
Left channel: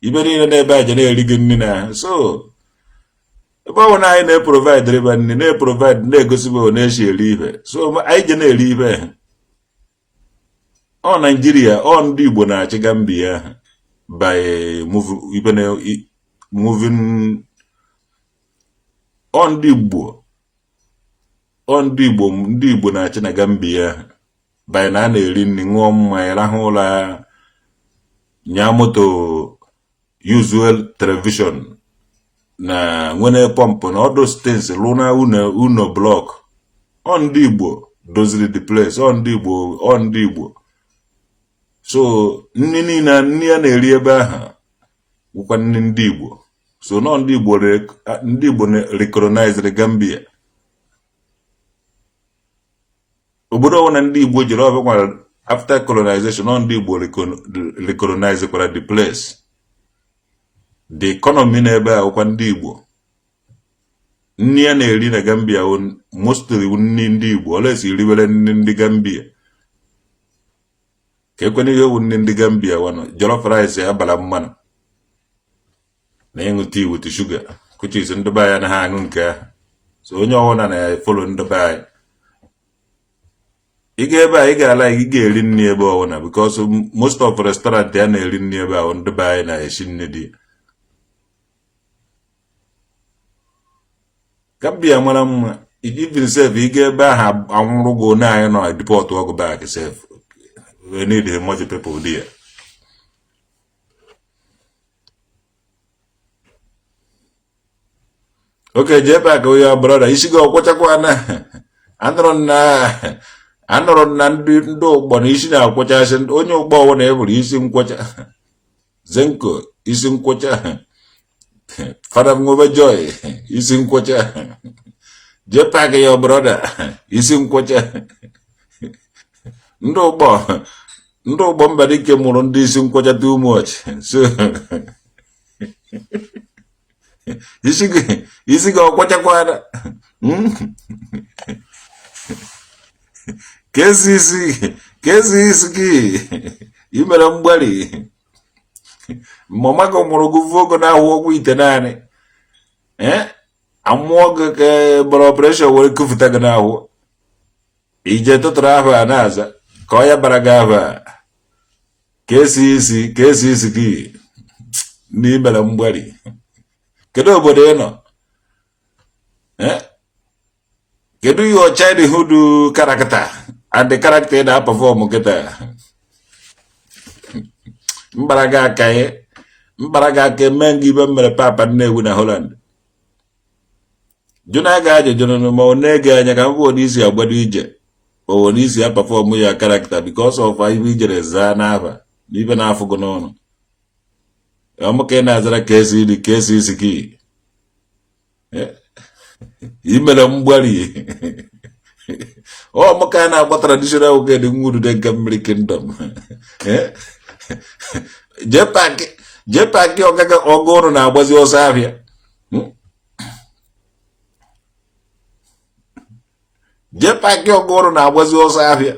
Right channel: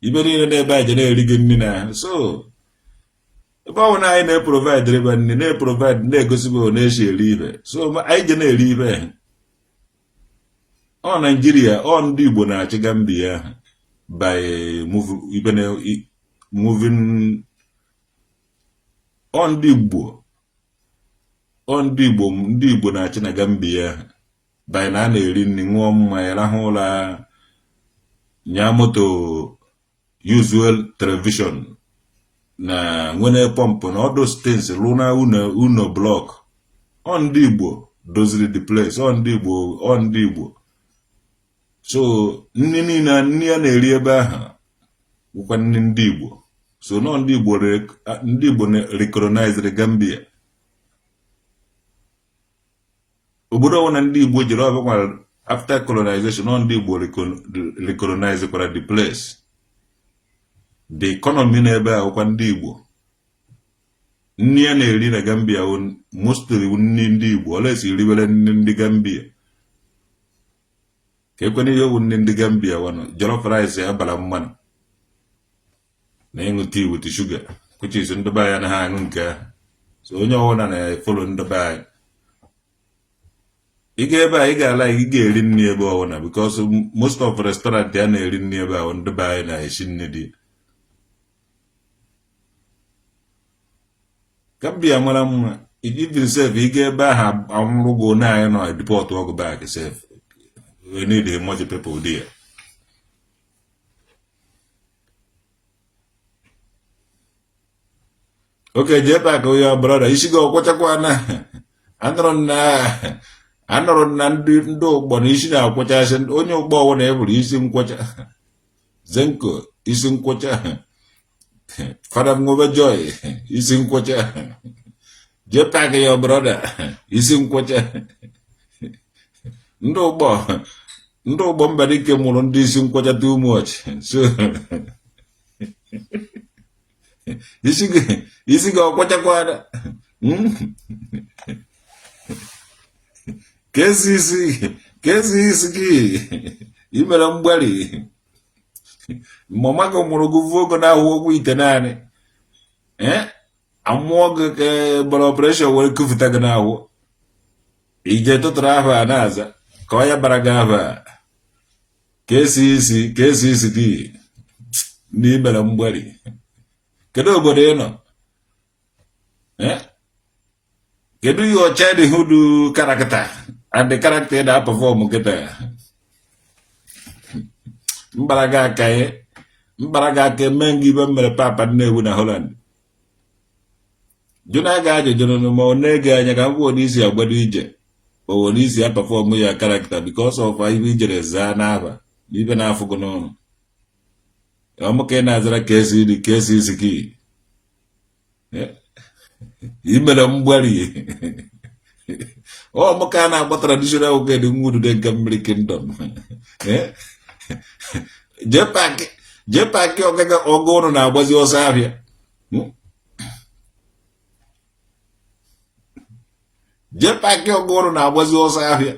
ibe niile n'ebe a je na-eri gị nri na so ebe ọwụ na anyị na-eprovide riba nri na-eprovide na-egosibe na-eshi eri ihe so anyị je na-eri ihe ọ Nigeria ọ ndị Igbo na-achị Gambia by moving ọ ndị Igbo na-achị na Gambia by na a na-eri nri ṅụọ mmanya rahụ ụra nya moto usual television na nwere pọmpụ na ọdụ stens lụna uno blọk ọ ndị Igbo doziri the place ọ ndị Igbo so nri niile nri a na-eri ebe ahụ bụkwa nri ndị Igbo so nọ ndị Igbo recognize Gambia obodo ọbụla ndị Igbo jere ọbụla after colonization nọ ndị Igbo recognize kwara the place the economy n'ebe a bụkwa ndị Igbo nri a na-eri na Gambia mostly nri ndị Igbo olesi riwere nri ndị Gambia ka ekwene ihe owu nri ndị Gambia wanụ jollof rice abala mmanụ ịṅụ tea with sugar which is ndị be anyị na ha aṅụ nke ahụ so onye ọbụla na-efolo ndị be anyị ị ga ebe a ị ga-ala ị ga-eri nri ebe ọbụla because most of restaurant ya na-eri nri ebe ahụ ndị be anyị na-esi nri dị ka bịa mara mma even sef ị ga ebe ahụ anwụrụ gị onye anyị nọ deport ọgụ back sef we need much people there. Okay, Jpac ya brother isi gị ọkwụchakwa na anọrọ na ndị ụgbọ na isi na-akwụchasị onye ụgbọ ọwụ na eburu isi nkwụcha zenko isi nkwụcha Fada Ngobe Joy isi nkwụcha Jpac ya brother isi nkwụcha ndị ụgbọ Mbadike mụrụ ndị isi nkwụcha too much so isi gị ọkwachakwana ka ezi isi gị imere mgbali mama gị mụrụ gị vuo ogo na-ahụ ọgwụ ite naanị amụọ gị ka gbara ọpụreshọn were kụfụta gị n'ahụ ije tụtụrụ ahụ a na-aza ka ọ ya bara gị ahụ a ka esi isi gị n'imere mgbali kedu obodo ị nọ kedu your childhood character and the character that perform kịta mbaraga aka eme gị ibe mere papa Nnewi na Holland jụna ga ajụjụ ma ọ na-ege anya ka m bụ n'isi agbado ije o n'isi ya perform ya character because of ibe ijere zaa n'afa n'ibe na-afụ gị n'ọnụ ọmụka ị na-azara ka esi isi gị imere mgbari ọmụka a na-agba traditional oge dị nwudu dị nke mmiri kingdom Jpac ọgaga ọgụ ụrụ na-agbazi ọsọ ahịa Jpac ọgụ ụrụ na-agbazi ọsọ ahịa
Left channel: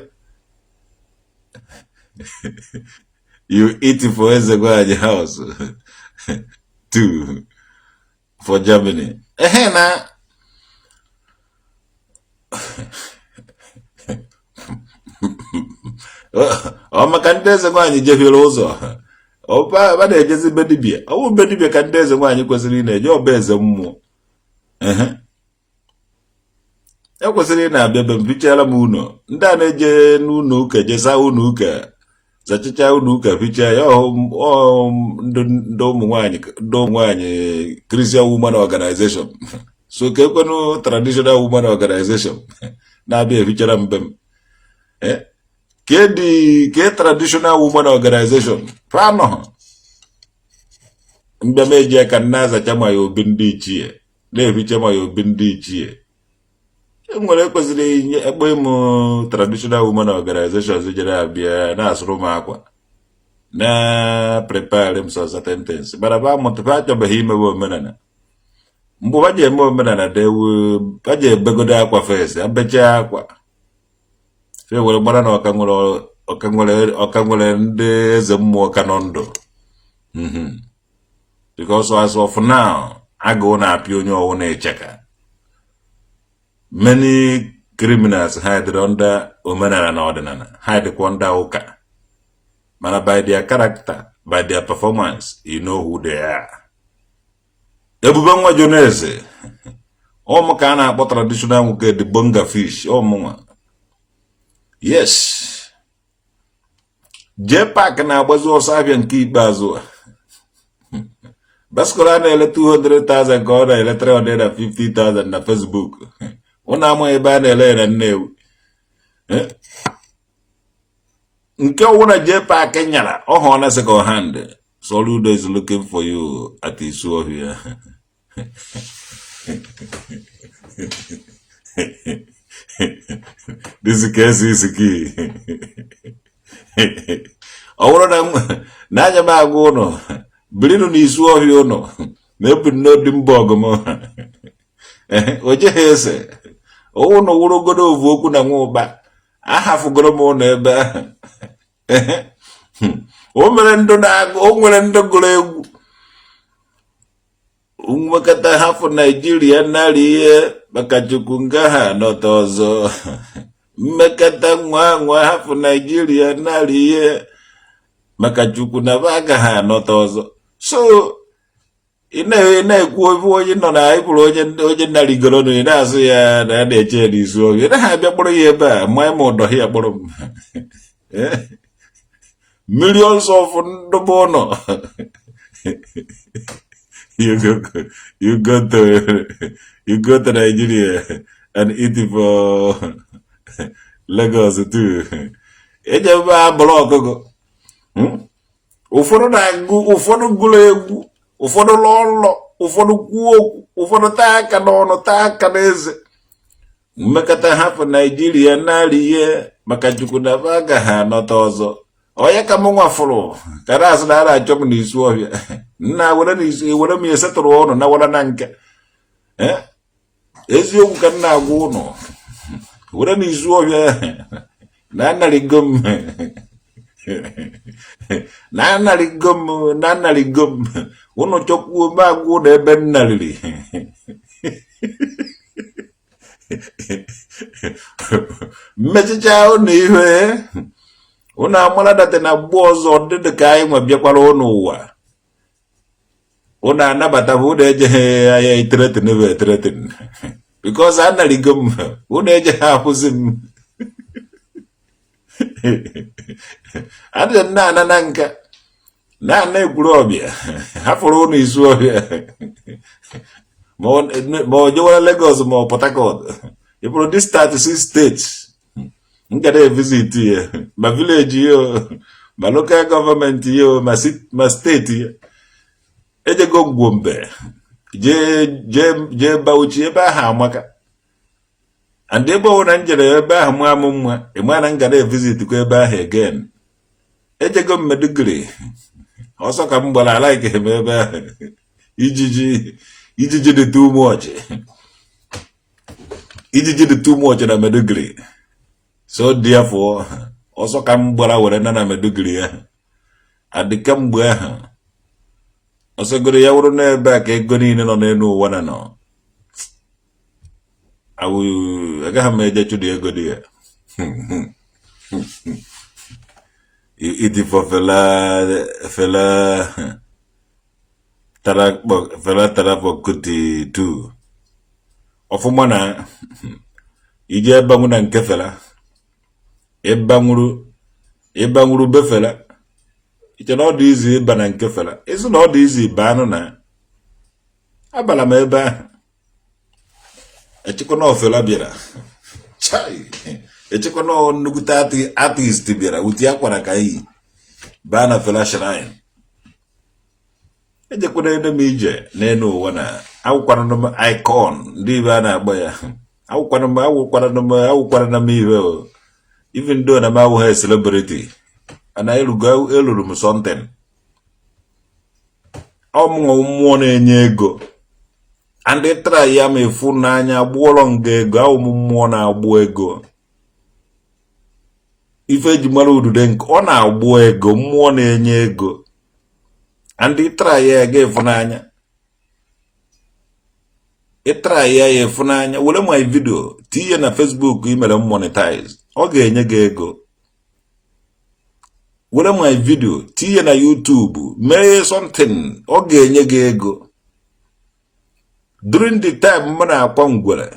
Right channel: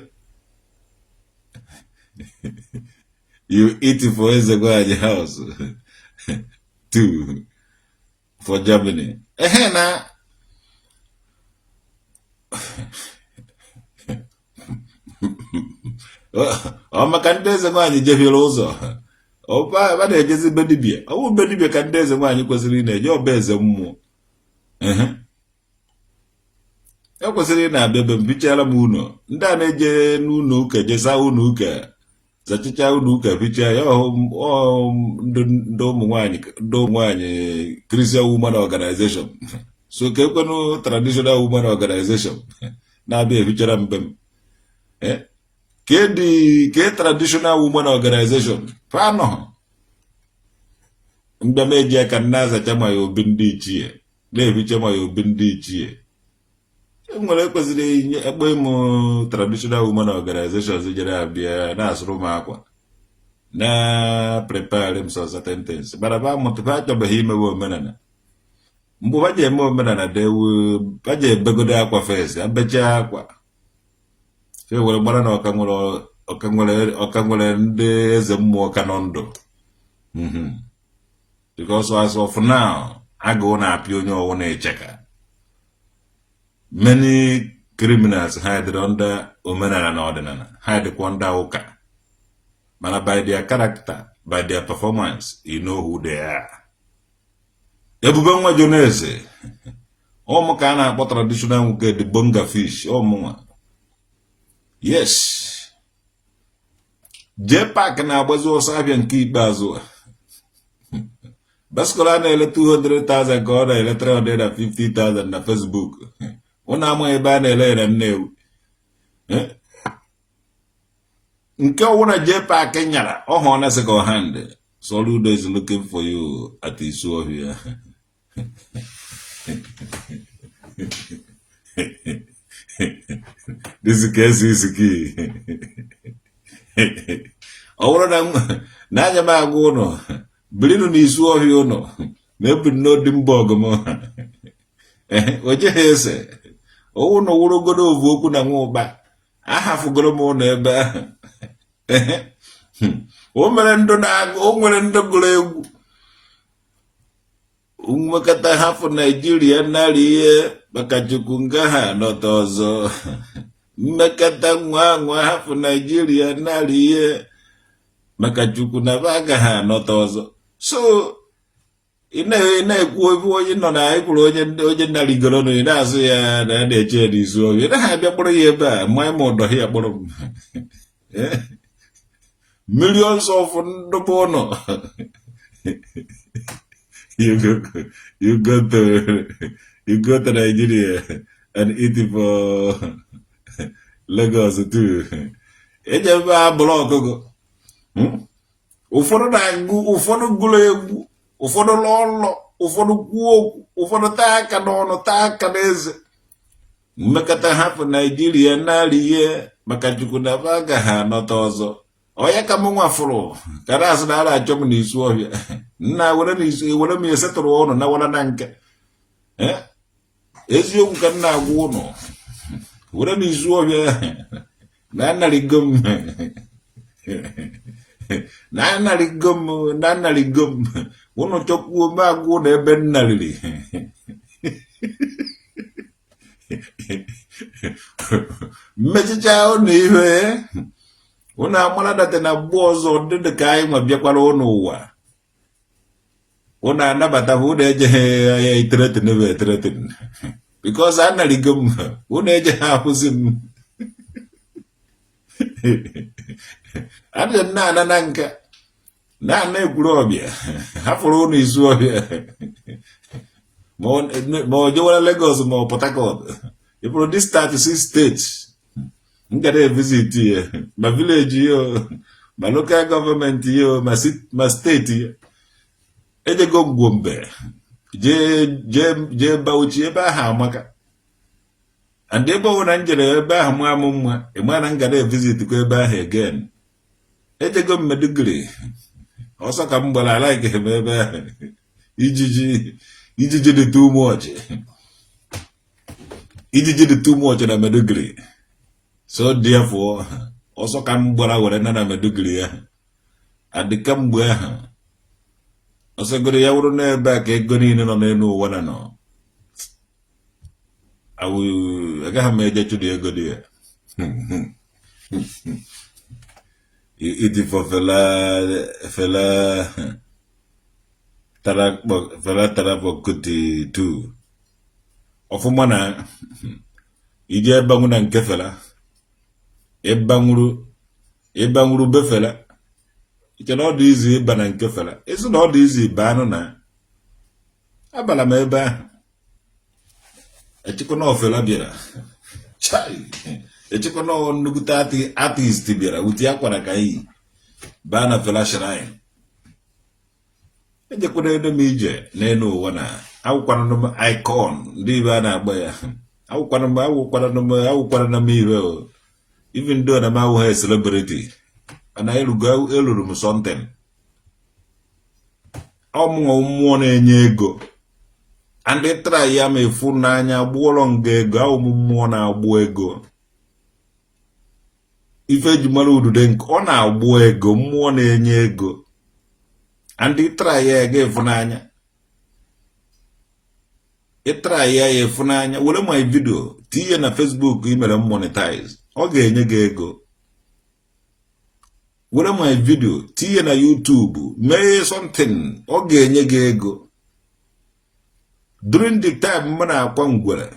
you eat for Ezegwaji house too for Germany. Na ọ maka ndị eze nwaanyị jehiere ụzọ ọ na-ejezi be dibịa ọ bụ be dibịa ka ndị eze nwaanyị kwesịrị ị na-eje ọba eze mmụọ ekwesịrị ị na-abịa be m fichara m ụlọ ndị a na-eje n'ụlọ ụka jesa ụlọ ụka zachicha ụlọ ụka ficha ya ndị ụmụ nwaanyị Christian Women Organization so ka ekwenụ traditional women organization na-abịa efichara mbe m ke traditional women organization fanọ mgbe m eji aka na-azacha ma ya obi ndị ichie na-eficha ma ya obi ndị ichie enwere ekwesịrị inye ekpe m traditional women organization jere abịa na-asụrụ m akwa na prepare m so certain things bara ba mụtụba achọbeghị imewe omenala mgbe ba ji eme omenala ba ji ebegodo akwa fes abecha akwa fe were gbara na ọka nwere ndị eze mmụọ ka nọ ndụ because as of now agụụ na-apịa onye ọwụ na-echeka many criminals hide under omenala na ọdịnala hide kwa under ụka mana by their character by their performance you know who they are. Ebube nwa Joneze ọmụ ka a na-akpọ traditional nwoke the bonga fish ọmụnwa yes Jpac na-agbazi ọsọ ahịa nke ikpeazụ basically a na-ele 200,000 ka ọ na-ele 350,000 na Facebook ụnụ amaghị ebe a na-ele na Nnewi nke ọwụna Jpac nyara ọhụụ na second hand Soludo is looking for you at Isuohia. This case is key. Ọwụrụ na anya m agụ ụnụ birinu na Isuohia ụnụ mebu n'Odimborg m ojeghị ese ụnụ wụrụgodo ovu okwu na nwa ụba ahafugoro m ụnụ ebe ahụ o nwere ndị gụrụ egwu Umekata hafu Nigeria naliye bakachukunga ha notozo. Mmekata nwa hafu Nigeria naliye makachukuna baga ha notozo. So ina-ekwu onye nọ na ịpụrụ onye nnaligoro na ị na-asụ ya na na-eche n'izu oge na ha abịa kpọrọ ya ebe a ma ịma ụdọ ya kpọrọ m millions of ndụbụ ụlọ you go to Nigeria and eat for Lagos too. Ejebe abụrụ ọkụkọ ụfọdụ na-agụ ụfọdụ gụrụ egwu ụfọdụ lọlọ ụfọdụ kwuo okwu ụfọdụ taa aka n'ọnụ taa aka n'eze mmekọta hapụ Naijiria narị ihe maka chukwu na baga ha nọta ọzọ onye ka m nwafụrụ ka na-asị na ara achọ m n'isi ọhịa nna were m esetụrụ ọnụ na wara na nke eziokwu ka nna agwa ụnụ were n'izu ọhịa na anarịgo m na anarịgo m ụnụ chọkwuo m agwụ na ebe nnarịrị mmechicha ụnụ ihe ụnụ amara data na mgbe ọzọ dịdị ka anyị nwe bịakwara ụnụ ụwa ụnụ anabata m ụnụ ejeghị anya iteretin bụ eteretin bikos anarịgo m ụnụ ejeghị ahụzi m adịghị nna ana na nka na ekwuru ọbịa hapụrụ ụnụ izu ọbịa ma o jewara Lagos ma ọ Port Harcourt ịpụrụ dis 36 states nkada evisit ya ma village ya ma local government ya ma steeti ya ejego Gombe jee Bauchi ebe ahụ amaka and ebe ọ na njere ebe ahụ mụ amụ mma ịma na ngada evisit kwa ebe ahụ again ejego m Maiduguri ọsọ ka m gbara ala ike ebe ahụ ijiji dị too much ijiji dị too much na Maiduguri so therefore ọsọ ka m gbara were na Maiduguri ya adịka mgbe ahụ ọsọgoro ya wụrụ n'ebe a ka ego niile nọ n'elu ụwa na nọ agaghị m eje chụdị ego dị ya iti for fela tara kuti tu ọfụma na ije ebanwu na nke fela ịbanwuru befela iche na ọ dị izu ịba na nke fela ịsụ na ọ dị izu ịba anụ na abala m ebe ahụ echekwa na ofela bịara echekwa na nnukwute artist bịara uti akwara ka iyi baa na fela shrine ejekwana ede m ije n'elu ụwa na awụkwana m icon ndị ibe a na-agba ya awụkwana m ihe even though na m awụghị celebrity ana eluru m something ọmụnwa mmụọ na-enye ego and try ya ma efu n'anya gbụọrọ nga ego awụ m mmụọ na-agbụ ego ife eji mara udude nke ọ na-agbụ ego mmụọ na-enye ego and try ya ga efu n'anya try ya efu n'anya were my video tinye na Facebook imere monetize ọ ga-enye gị ego were my video tinye na YouTube mee something ọ ga-enye gị ego during the time m na-akwa ngwere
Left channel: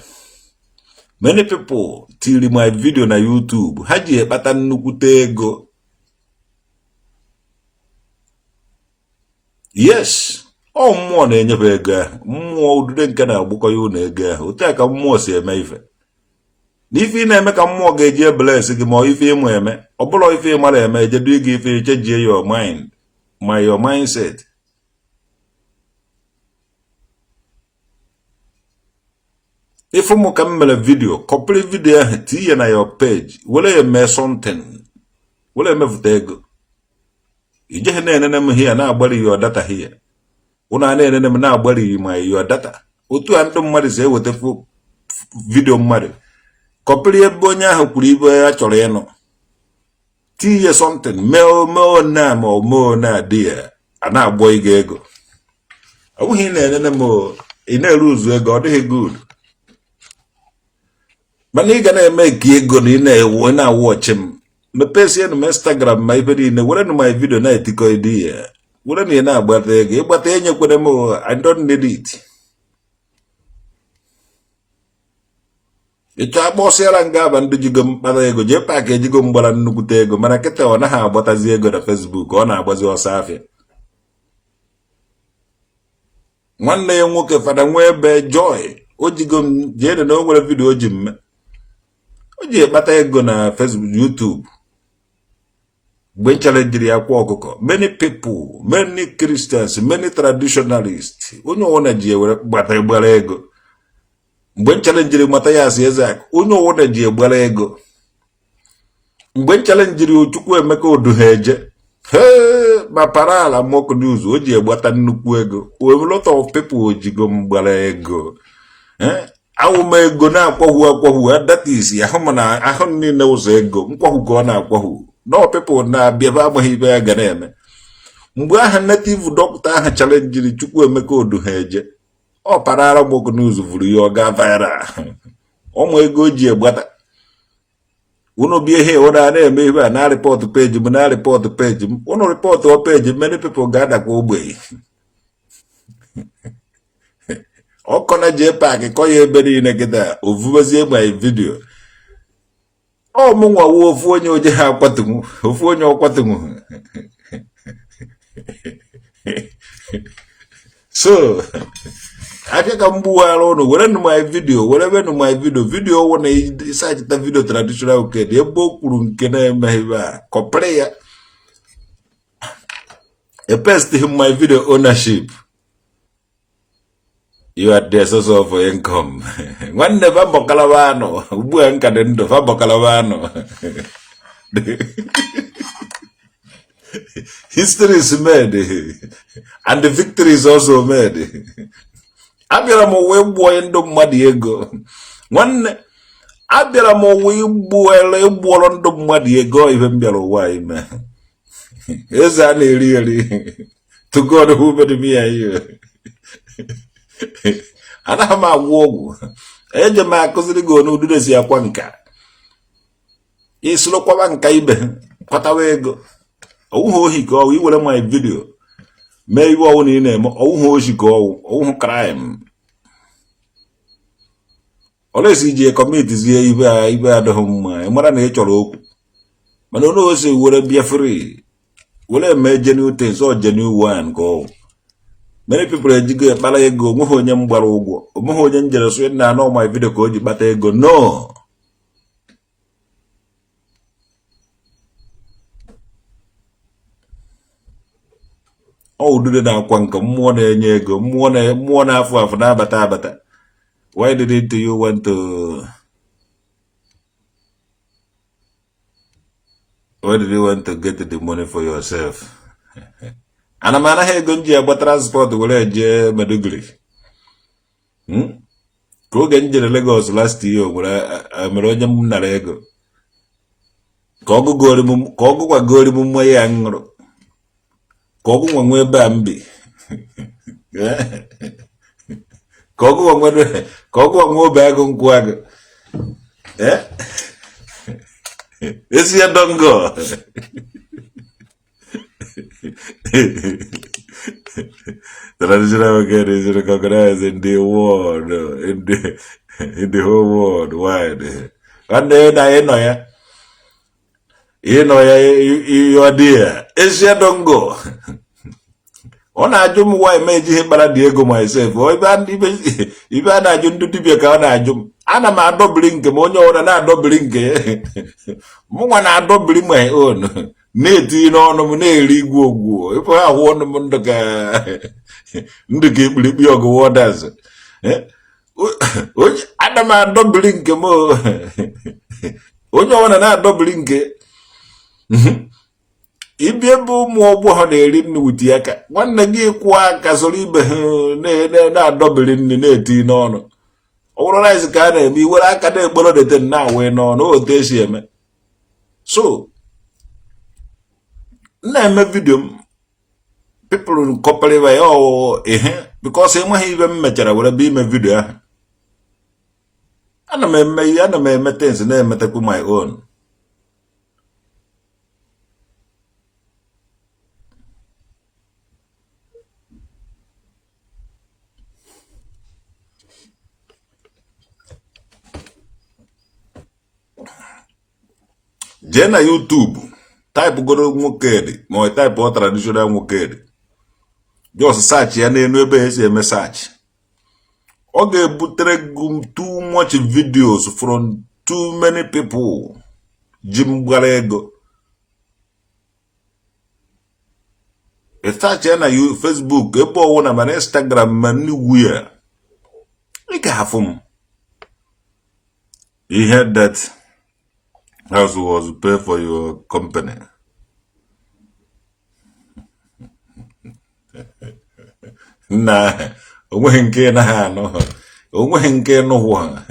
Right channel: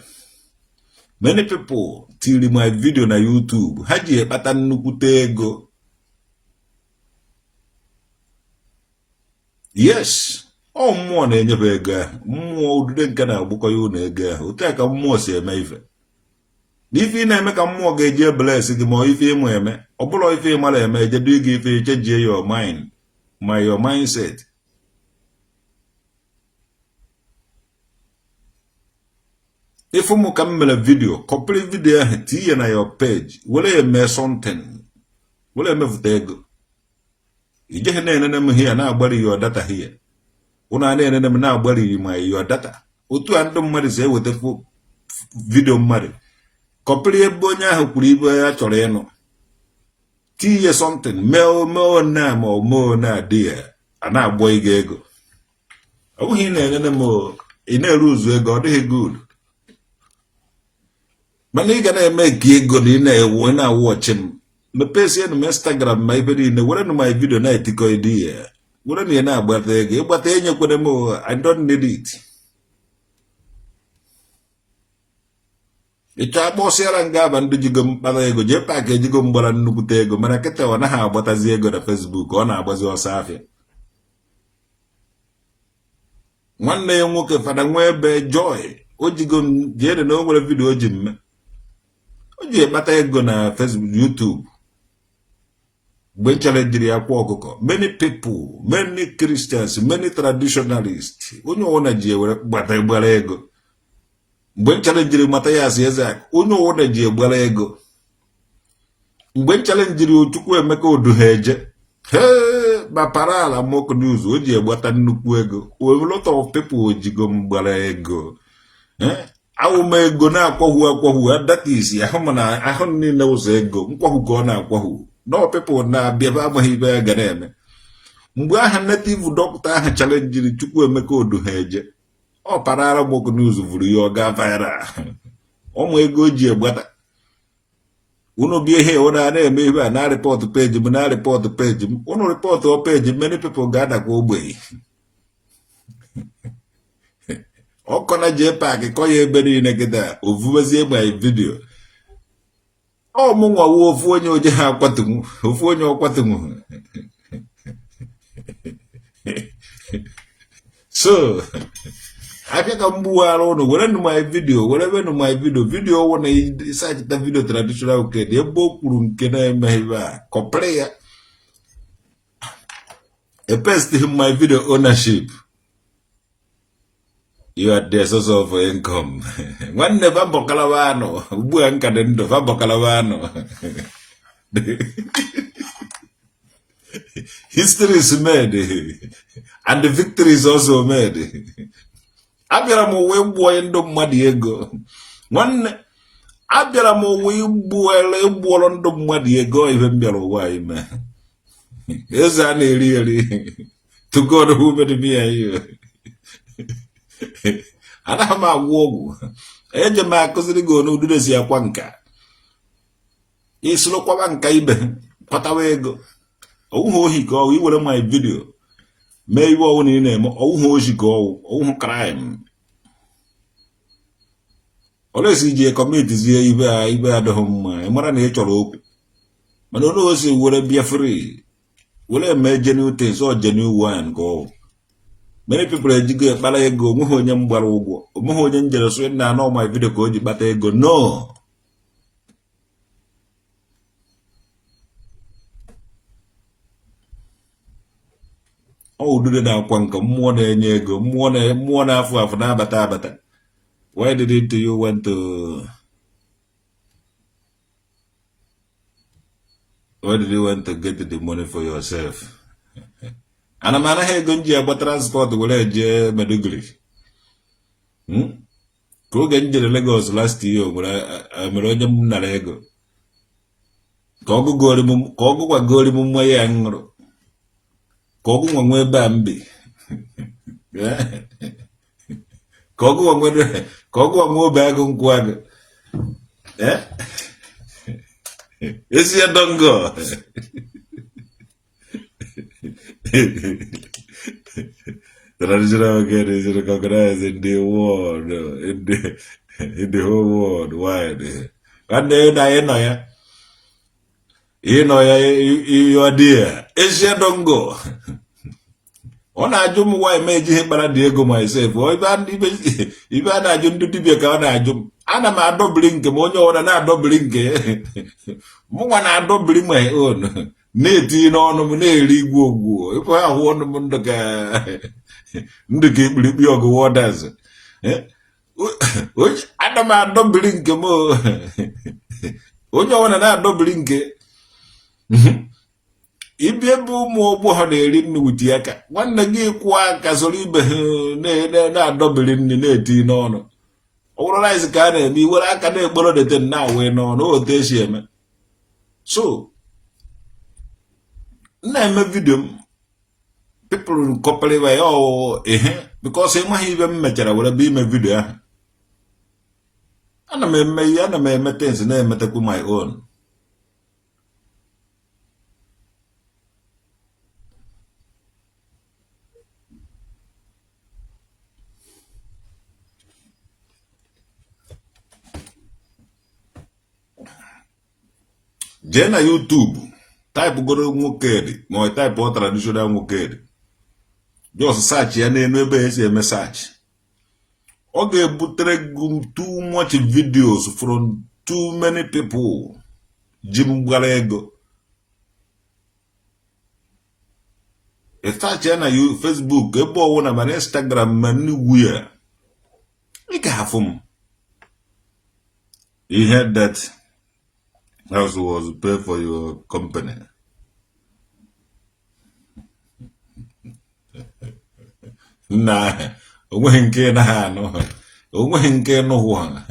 many people tiri my video na YouTube ha ji ekpata nnukwute ego yes ọ mmụọ na-enyefe ego ahụ mmụọ udude nke na-agbụkọ ya ụlọ ego ahụ otu a ka mmụọ si eme ife n'ife ị na-eme ka mmụọ ga-eji ebeles gị ma ife ịmụ eme ọ bụla ife ị mara eme ejedu gị ife echejie your mind ma your mindset ife mụ ka m mere vidio kọpịrị vidio ahụ tinye na your page were ya mee something were emepụta ego ijeghị na-enene m hia na-agbari your data hia ụnụ a na-enene m na-agbari ma your data otu a ndị mmadụ si eweta vidio mmadụ kọpịrị ebe onye ahụ kwuru ibe ya chọrọ ịnụ tinye something mee na ma omeo na adị ya a na-agbọ ego Oh, he never more in a rules where God is good. But you gonna make you good in a when I watch him. Me pesi on Instagram my video in one of my video na etiko idea. Wouldn't you know about the game? But then you could I don't need it. Ito boss era ngaba ndi jigo mpara ego Jpac jigo mbara nnukute ego mana kete ona ha agbatazi ego na Facebook ọ na-agbazi ọsọ afịa. Nwanne ya nwoke fada nwe ebe Joy o jigo jere na o nwere video o ji mme. O ji ekpata ego na Facebook, YouTube. When challenge ya kwa ọkụkọ, many people, many Christians, many traditionalists, onye ọwụna ji ewere gbata egbara ego. Mgbe challenge mata ya asị Ezak, onye ọwụna ji egbara ego. Mgbe challenge Ochukwu Emeka Oduheje, ma parala mock news, o ji egbata nnukwu ego. A lot of people jigo mgbara ego. Awụma ego na-akwahu, that is, ahụ niile ụzọ ego, nkwahu ka ọ na-akwahu. No people na biava amaghị ya ga na-eme. Mgbe aha native doctor aha challenge Chukwu Emeka Oduheje, ọ parara mock news vuru ya ọ ga viral. Ụmụ ego ji egbata. Unu bi ihe ọ na-eme ibe a na report page m na report page m. Unu report o page many people ga-ada kwa ogbe. Ọkọ na Jpac kọ ya ebe niile kịta ovubezie my video. Oh, Munga wo fonyo je ha kwatungu, fonyo kwatungu. So, akeka mbuwa alo no, wala no my video, video wana search the video traditional okay, de boku nkena mahiba, koplaya. A best him my video ownership. You are the source of income. One never bocalavano, Buanca dendo, Fabocalavano. History is made, and the victory is also made. Abiramo webo endo madiego. One Abiramo webo endo madiego, even below why, man. Is that really to God who made me here? Ana ma wogu eje ma koziri go no dudesi ya kwanka islo kwa nka ibe kwatawa ego owu ohi ko wi wele my video me iwo owu ni na-eme owu ohi ko owu crime olesi je commit zie ibe adahum ma mara na e choro okwu mana ono osi were bia free wele me genuine things so genuine one go. Many people are jigo bala ego nwo onye mgbara ụgwọ omho onye njere so na no my video ka o ji bata ego no o dude na akwa nka mmụọ na-enye ego mmụọ na afọ na abata why did you want to get the money for yourself? Ana mana he gonji agba transport wele je Meduguri. Ko genje Lagos last year wala amere onye m nara ego. Ka ogu kwa gori mu mwe ya ngro. Ka ogu nwa nwe ba mbi. Ka ogu nwa ba ego nkwago. Esi ya dongo. Traditional market is recognized in the world, in the whole world wide. And then I know you are dear. Asia don't go. On a jum why made him but Diego myself. Or even I don't do the account I jump. And I'm a doubling the money on an doubling. More I don't bring my own. Neti no nominate Igbo. If I want them on the Ndiki Yogo waters. Which Adama doubling mo. Onye one na doubling. Ibibu mo bo ha na-eri nnu wuti aka. Nwanne gị kwa aka soro ibe na doubling ni na-eti n'ọnụ. Ọwụrụ rice ka a na-eme iwere aka na-egboro dete na awe n'ọnụ o te esi eme. So na-eme video people couple way oh because enweghị ibe m mechara were be ime video ahụ. Ana m eme things na-emetekwu my own. Jee na YouTube type goro nwokedi ma type o traditional nwokedi, just search ya n'elu ebe esi eme search. Ọ ga-ebutere gị too much videos from too many people ji mgbara ego. Search ya na Facebook ebe ọwụ na ma na Instagram ma anywhere. Ị ga-afụ m. You heard that house was pay for your company. Nah, onweghị nke na ha anọ. Onweghị nke nụhụ ha.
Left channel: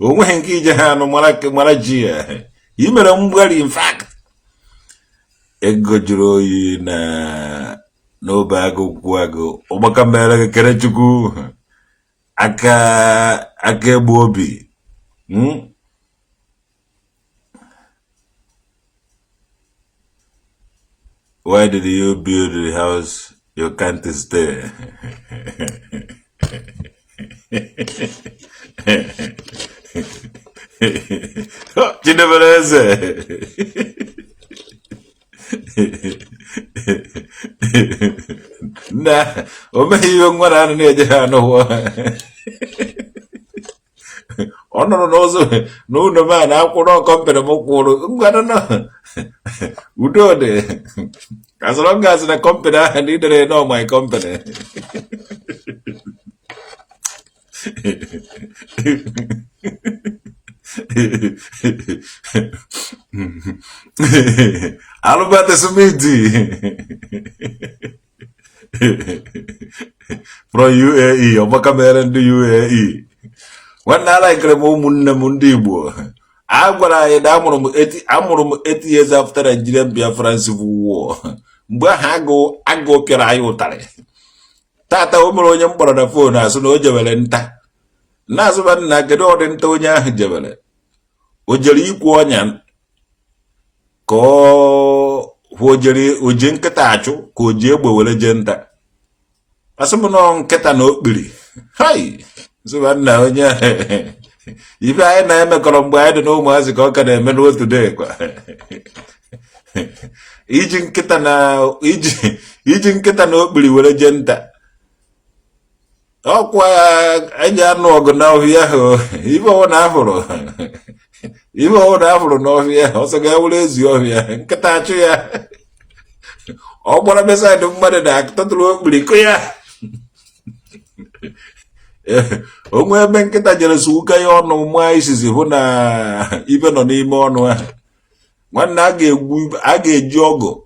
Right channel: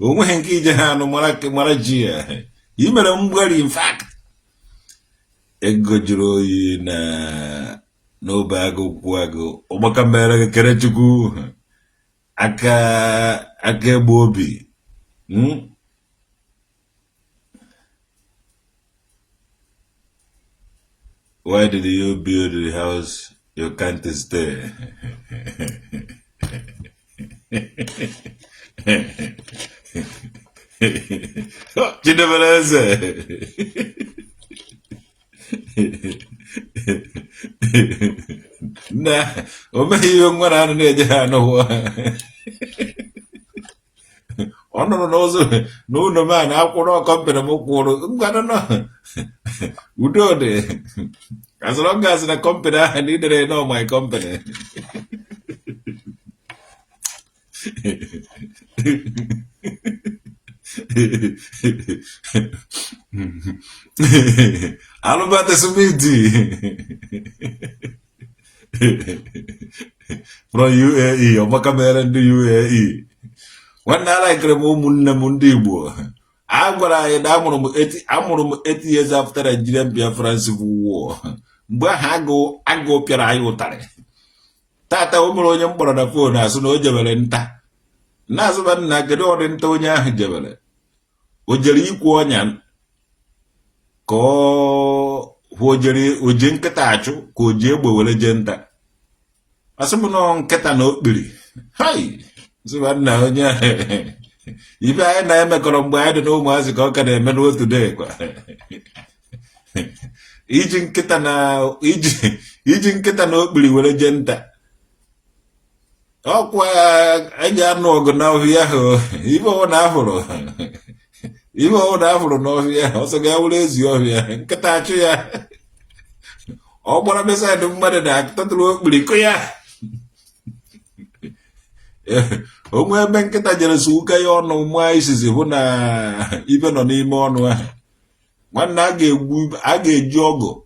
Onweghị nke ije ha anọ mara ji ya. I mere mgbari, in fact. Ego juru oyi na n'obe agụ kwụ agụ. Ọgbaka mere gị kere Chukwu. Aka egbu obi. Why did you build the house you can't stay? Nah, yung marano niya dyan, no, no naman, ako no, company mo kuro, no. Udo de. As long as the company, I need to know my company. Albert Sumiti from UAE, or Macamera in the UAE. When I like Mundi Igbo, I'm gonna 8 years after the Nigerian Biafran Civil War. I go Pirayo. Tata Umroyam for the phone as no Javelenta. Nazavan Nagado and Tonya Javele. Ujeli Quanyan ko Wojeri Ujinkatacho, Kujebo Legenda. Asamonon Ketano Billy. Hi! So now, if I am a column, I don't know what's a cock and a medal today. Ijin Ketano, Ijin Ketano Billy with a genta. Oh, why I don't know now here, even on Avro. Even on Avro, no, here, also Gavles, you're here, Katacha. Oh, what a mess I don't matter that, total Billy. Onwe ebe nkịta jere suka ya ọnụ nwa isisi hụ na ibe nọ n'ime ọnụ ahụ. Nwanne a ga-eji ọgụ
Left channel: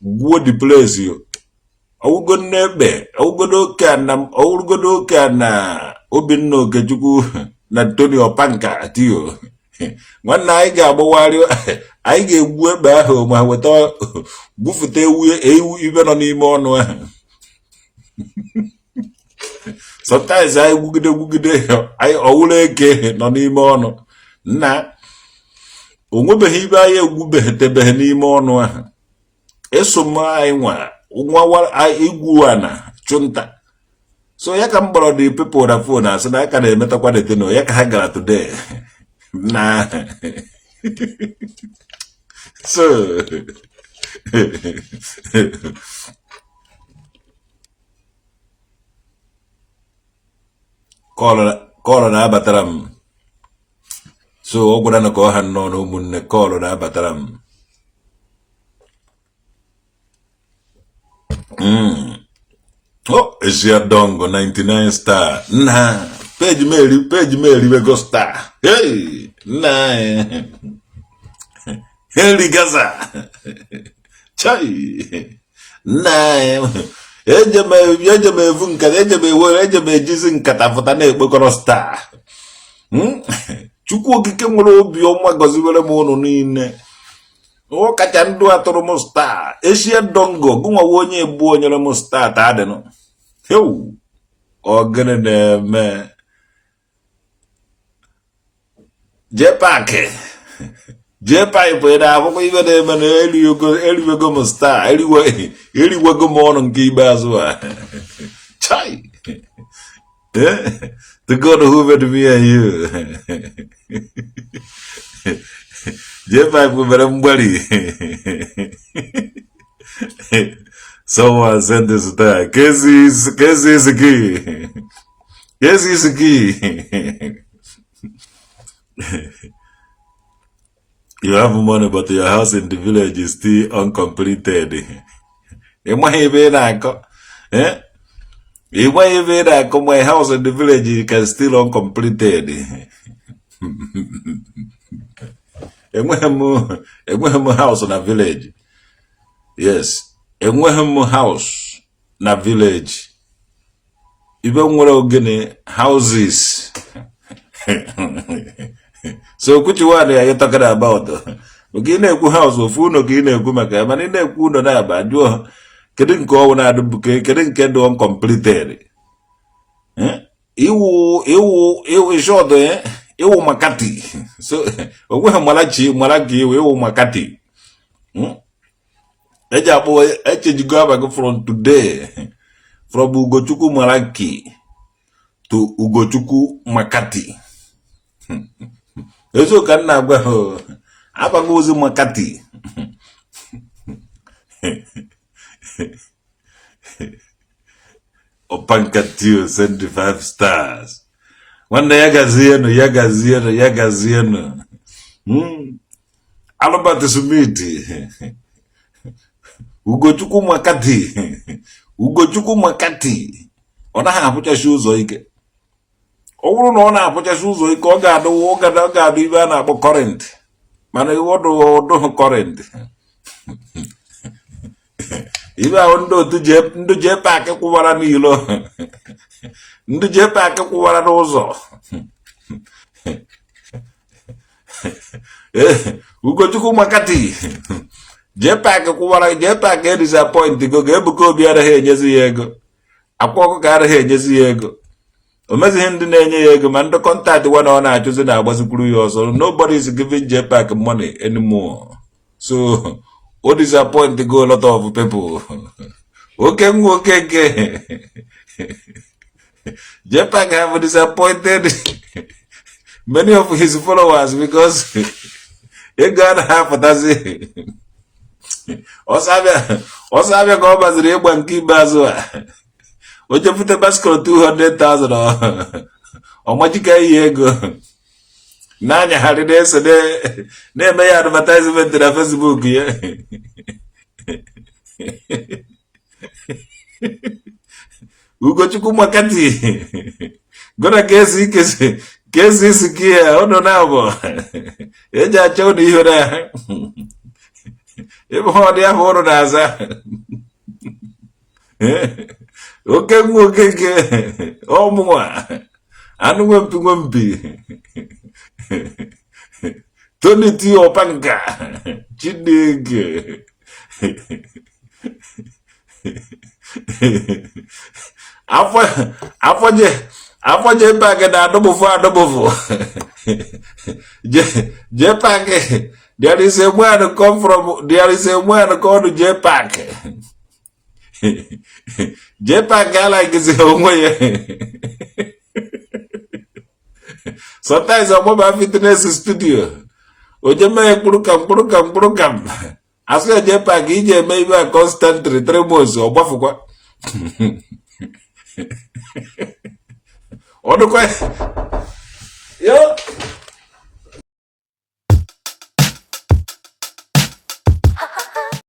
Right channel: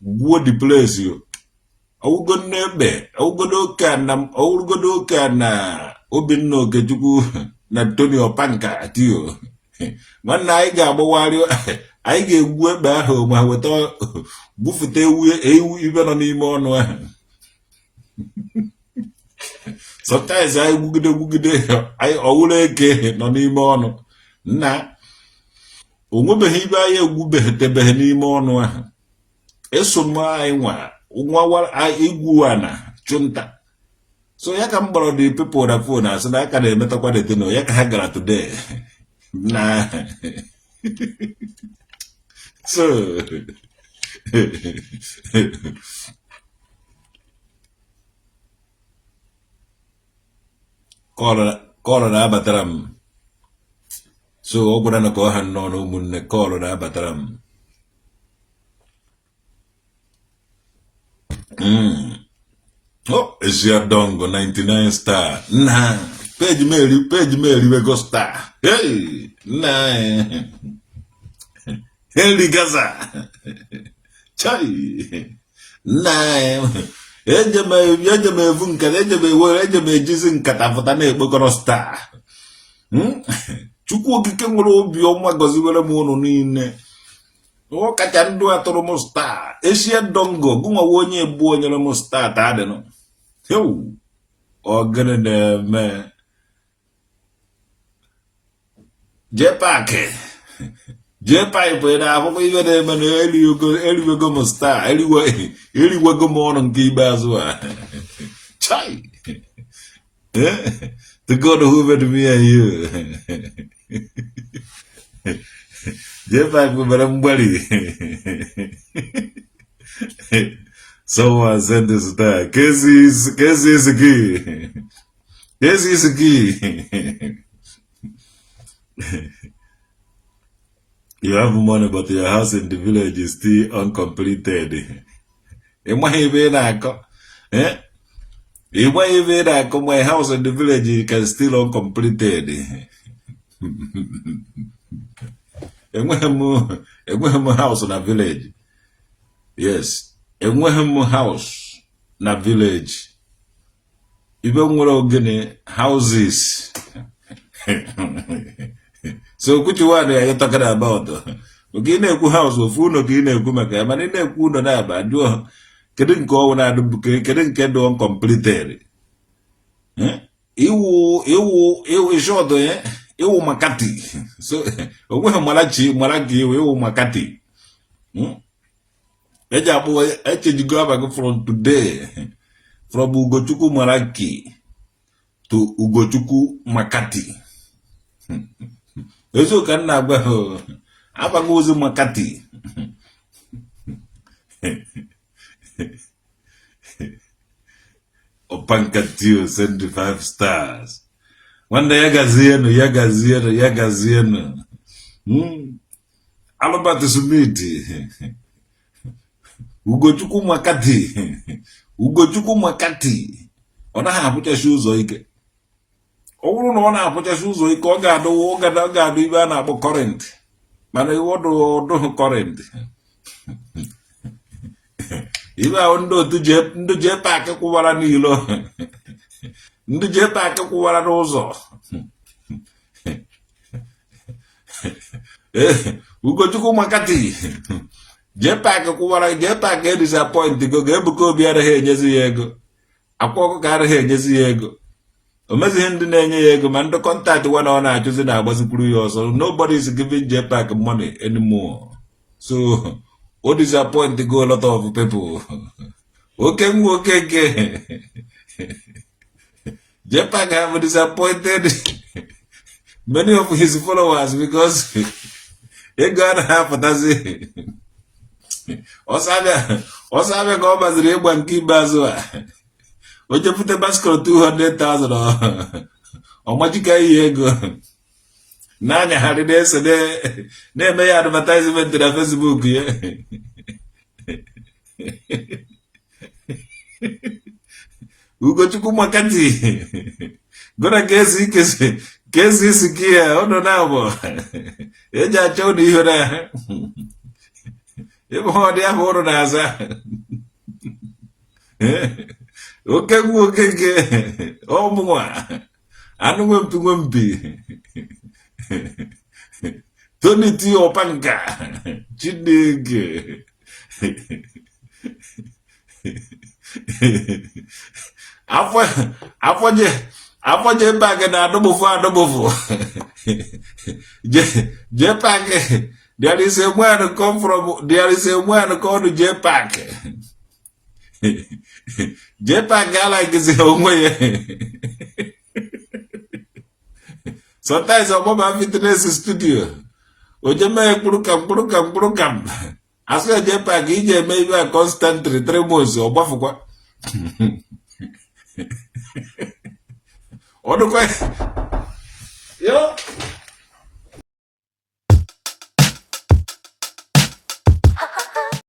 gwuo the place yo. Ọwụgo n'ebe, ọwụgodo oke na Obinna Okechukwu na Tony Opanka atiyo. Nwanne anyị ga-agbawari, anyị ga-egwu ebe ahụ ma weta bufute ewu ibe nọ n'ime ọnụ ahụ. Sometimes I wugide I awuleke no n'ime ọnụ. Na onwebeghị ibe anyị egwubeghị n'ime ọnụ ahụ. Esoma anyị nwa igwu ana chunta. So ya ka mbọrọ the people na phone asị na aka na-emetakwa deteno ya ka ha gara today. Na so Kọlọ na-abatara m. So ọ gwara na ka ọ ha nọ n'ụmụnne kọlọ na-abatara m. Oh, Esiadongo 99 star. Nah, page Mary we go star. Hey, nah. Heli Gaza. Chai. Nah. Ejeme vunka, ejeme jizi nkata fota na ekpokoro star. Chukwu okike nwere obi ọma gọziwere m unu niile. O kacha ndu atụrụ m star. Eshie dongo. Gụnwa onye egbu onyere m star ta adịnụ. Hew. Ogene na-eme. Jpac. Jpac bụ na akwụkwọ ibe na-eme na eriwego m star. Eriwego m ọnụ nke ikpeazụ a. Chai. The God who made me and you. Jpac bụ mere mgbali. Someone sent this star. Kezi is key. Kezi is key. You have money, but your house in the village is still uncompleted. Eh? My house in the village can still uncompleted. A house in a village. Yes. A house in a village. Even when houses. So which one are you talking about? Okay, na-ekwu house of uno ka ị na-ekwu maka mana ị na-ekwu uno na-aba jụọ kedu nke ọwụ na-adụ kedu nke dị uncompleted. Iwu short iwu makati. So onwe malachi malaki iwu makati. Eji akpọ echejigo abago from today from Ugochukwu Malaki to Ugochukwu Makati. Eso ka nna agwa ho abago ozi Makati. Opankatio send the 5 stars. Wanda yagazieno. Albert Sumiti. Ugochukwu Makati. Ugochukwu Makati. Ọ naghị apụchachi ụzọ ike. Ọ bụrụ na ọ na-apụchachi ụzọ ike ọ ga-adụ ibe a na-akpọ current. Mana ọdụ current. Ibe ahụ ndị Jpac kwụwara n'ilo. Ndị Jpac kwụwara n'ụzọ. Ugochukwu Makati. Jpac kwụwara Jpac disappoint go ga-ebuka obi araghị enyezi ya ego. Akwa ọkụ ka araghị enyezi ya ego. O mezighị ndị na-enye ya ego ma ndị kọntaktị nwa na ọ na-achụzi na-agbazikwuru ya ọzọ. Nobody is giving Jpac money anymore. So o disappoint go a lot of people. Okay. Jpac have disappointed many of his followers because he got half a dozen. Osabia ka ọ baziri ịgba nke ikpeazụ a. O jepụta basketball 200,000 ọ majika ihe ego. Na-anyagharị na-ese na-eme ya advertisement na Facebook ya. Ugochukwu Makati. Gona ka esi isi ka ya ọnụ na-abụ. Eji achọ ụdị ihe na ebe ọ dị ahụ ụrụ na-aza. Oke ọmụnwa anụ nwempi Tony T. Opanka Chineke afọ Jpac na adọbụfụ Jpac. There is a man called Jpac. Jpac I like his own way. Sometimes I'm about fitness studio. Ojeme Kurukam. I say Jpac, EJ maybe a constant 3 months or Bafukwa. Yo.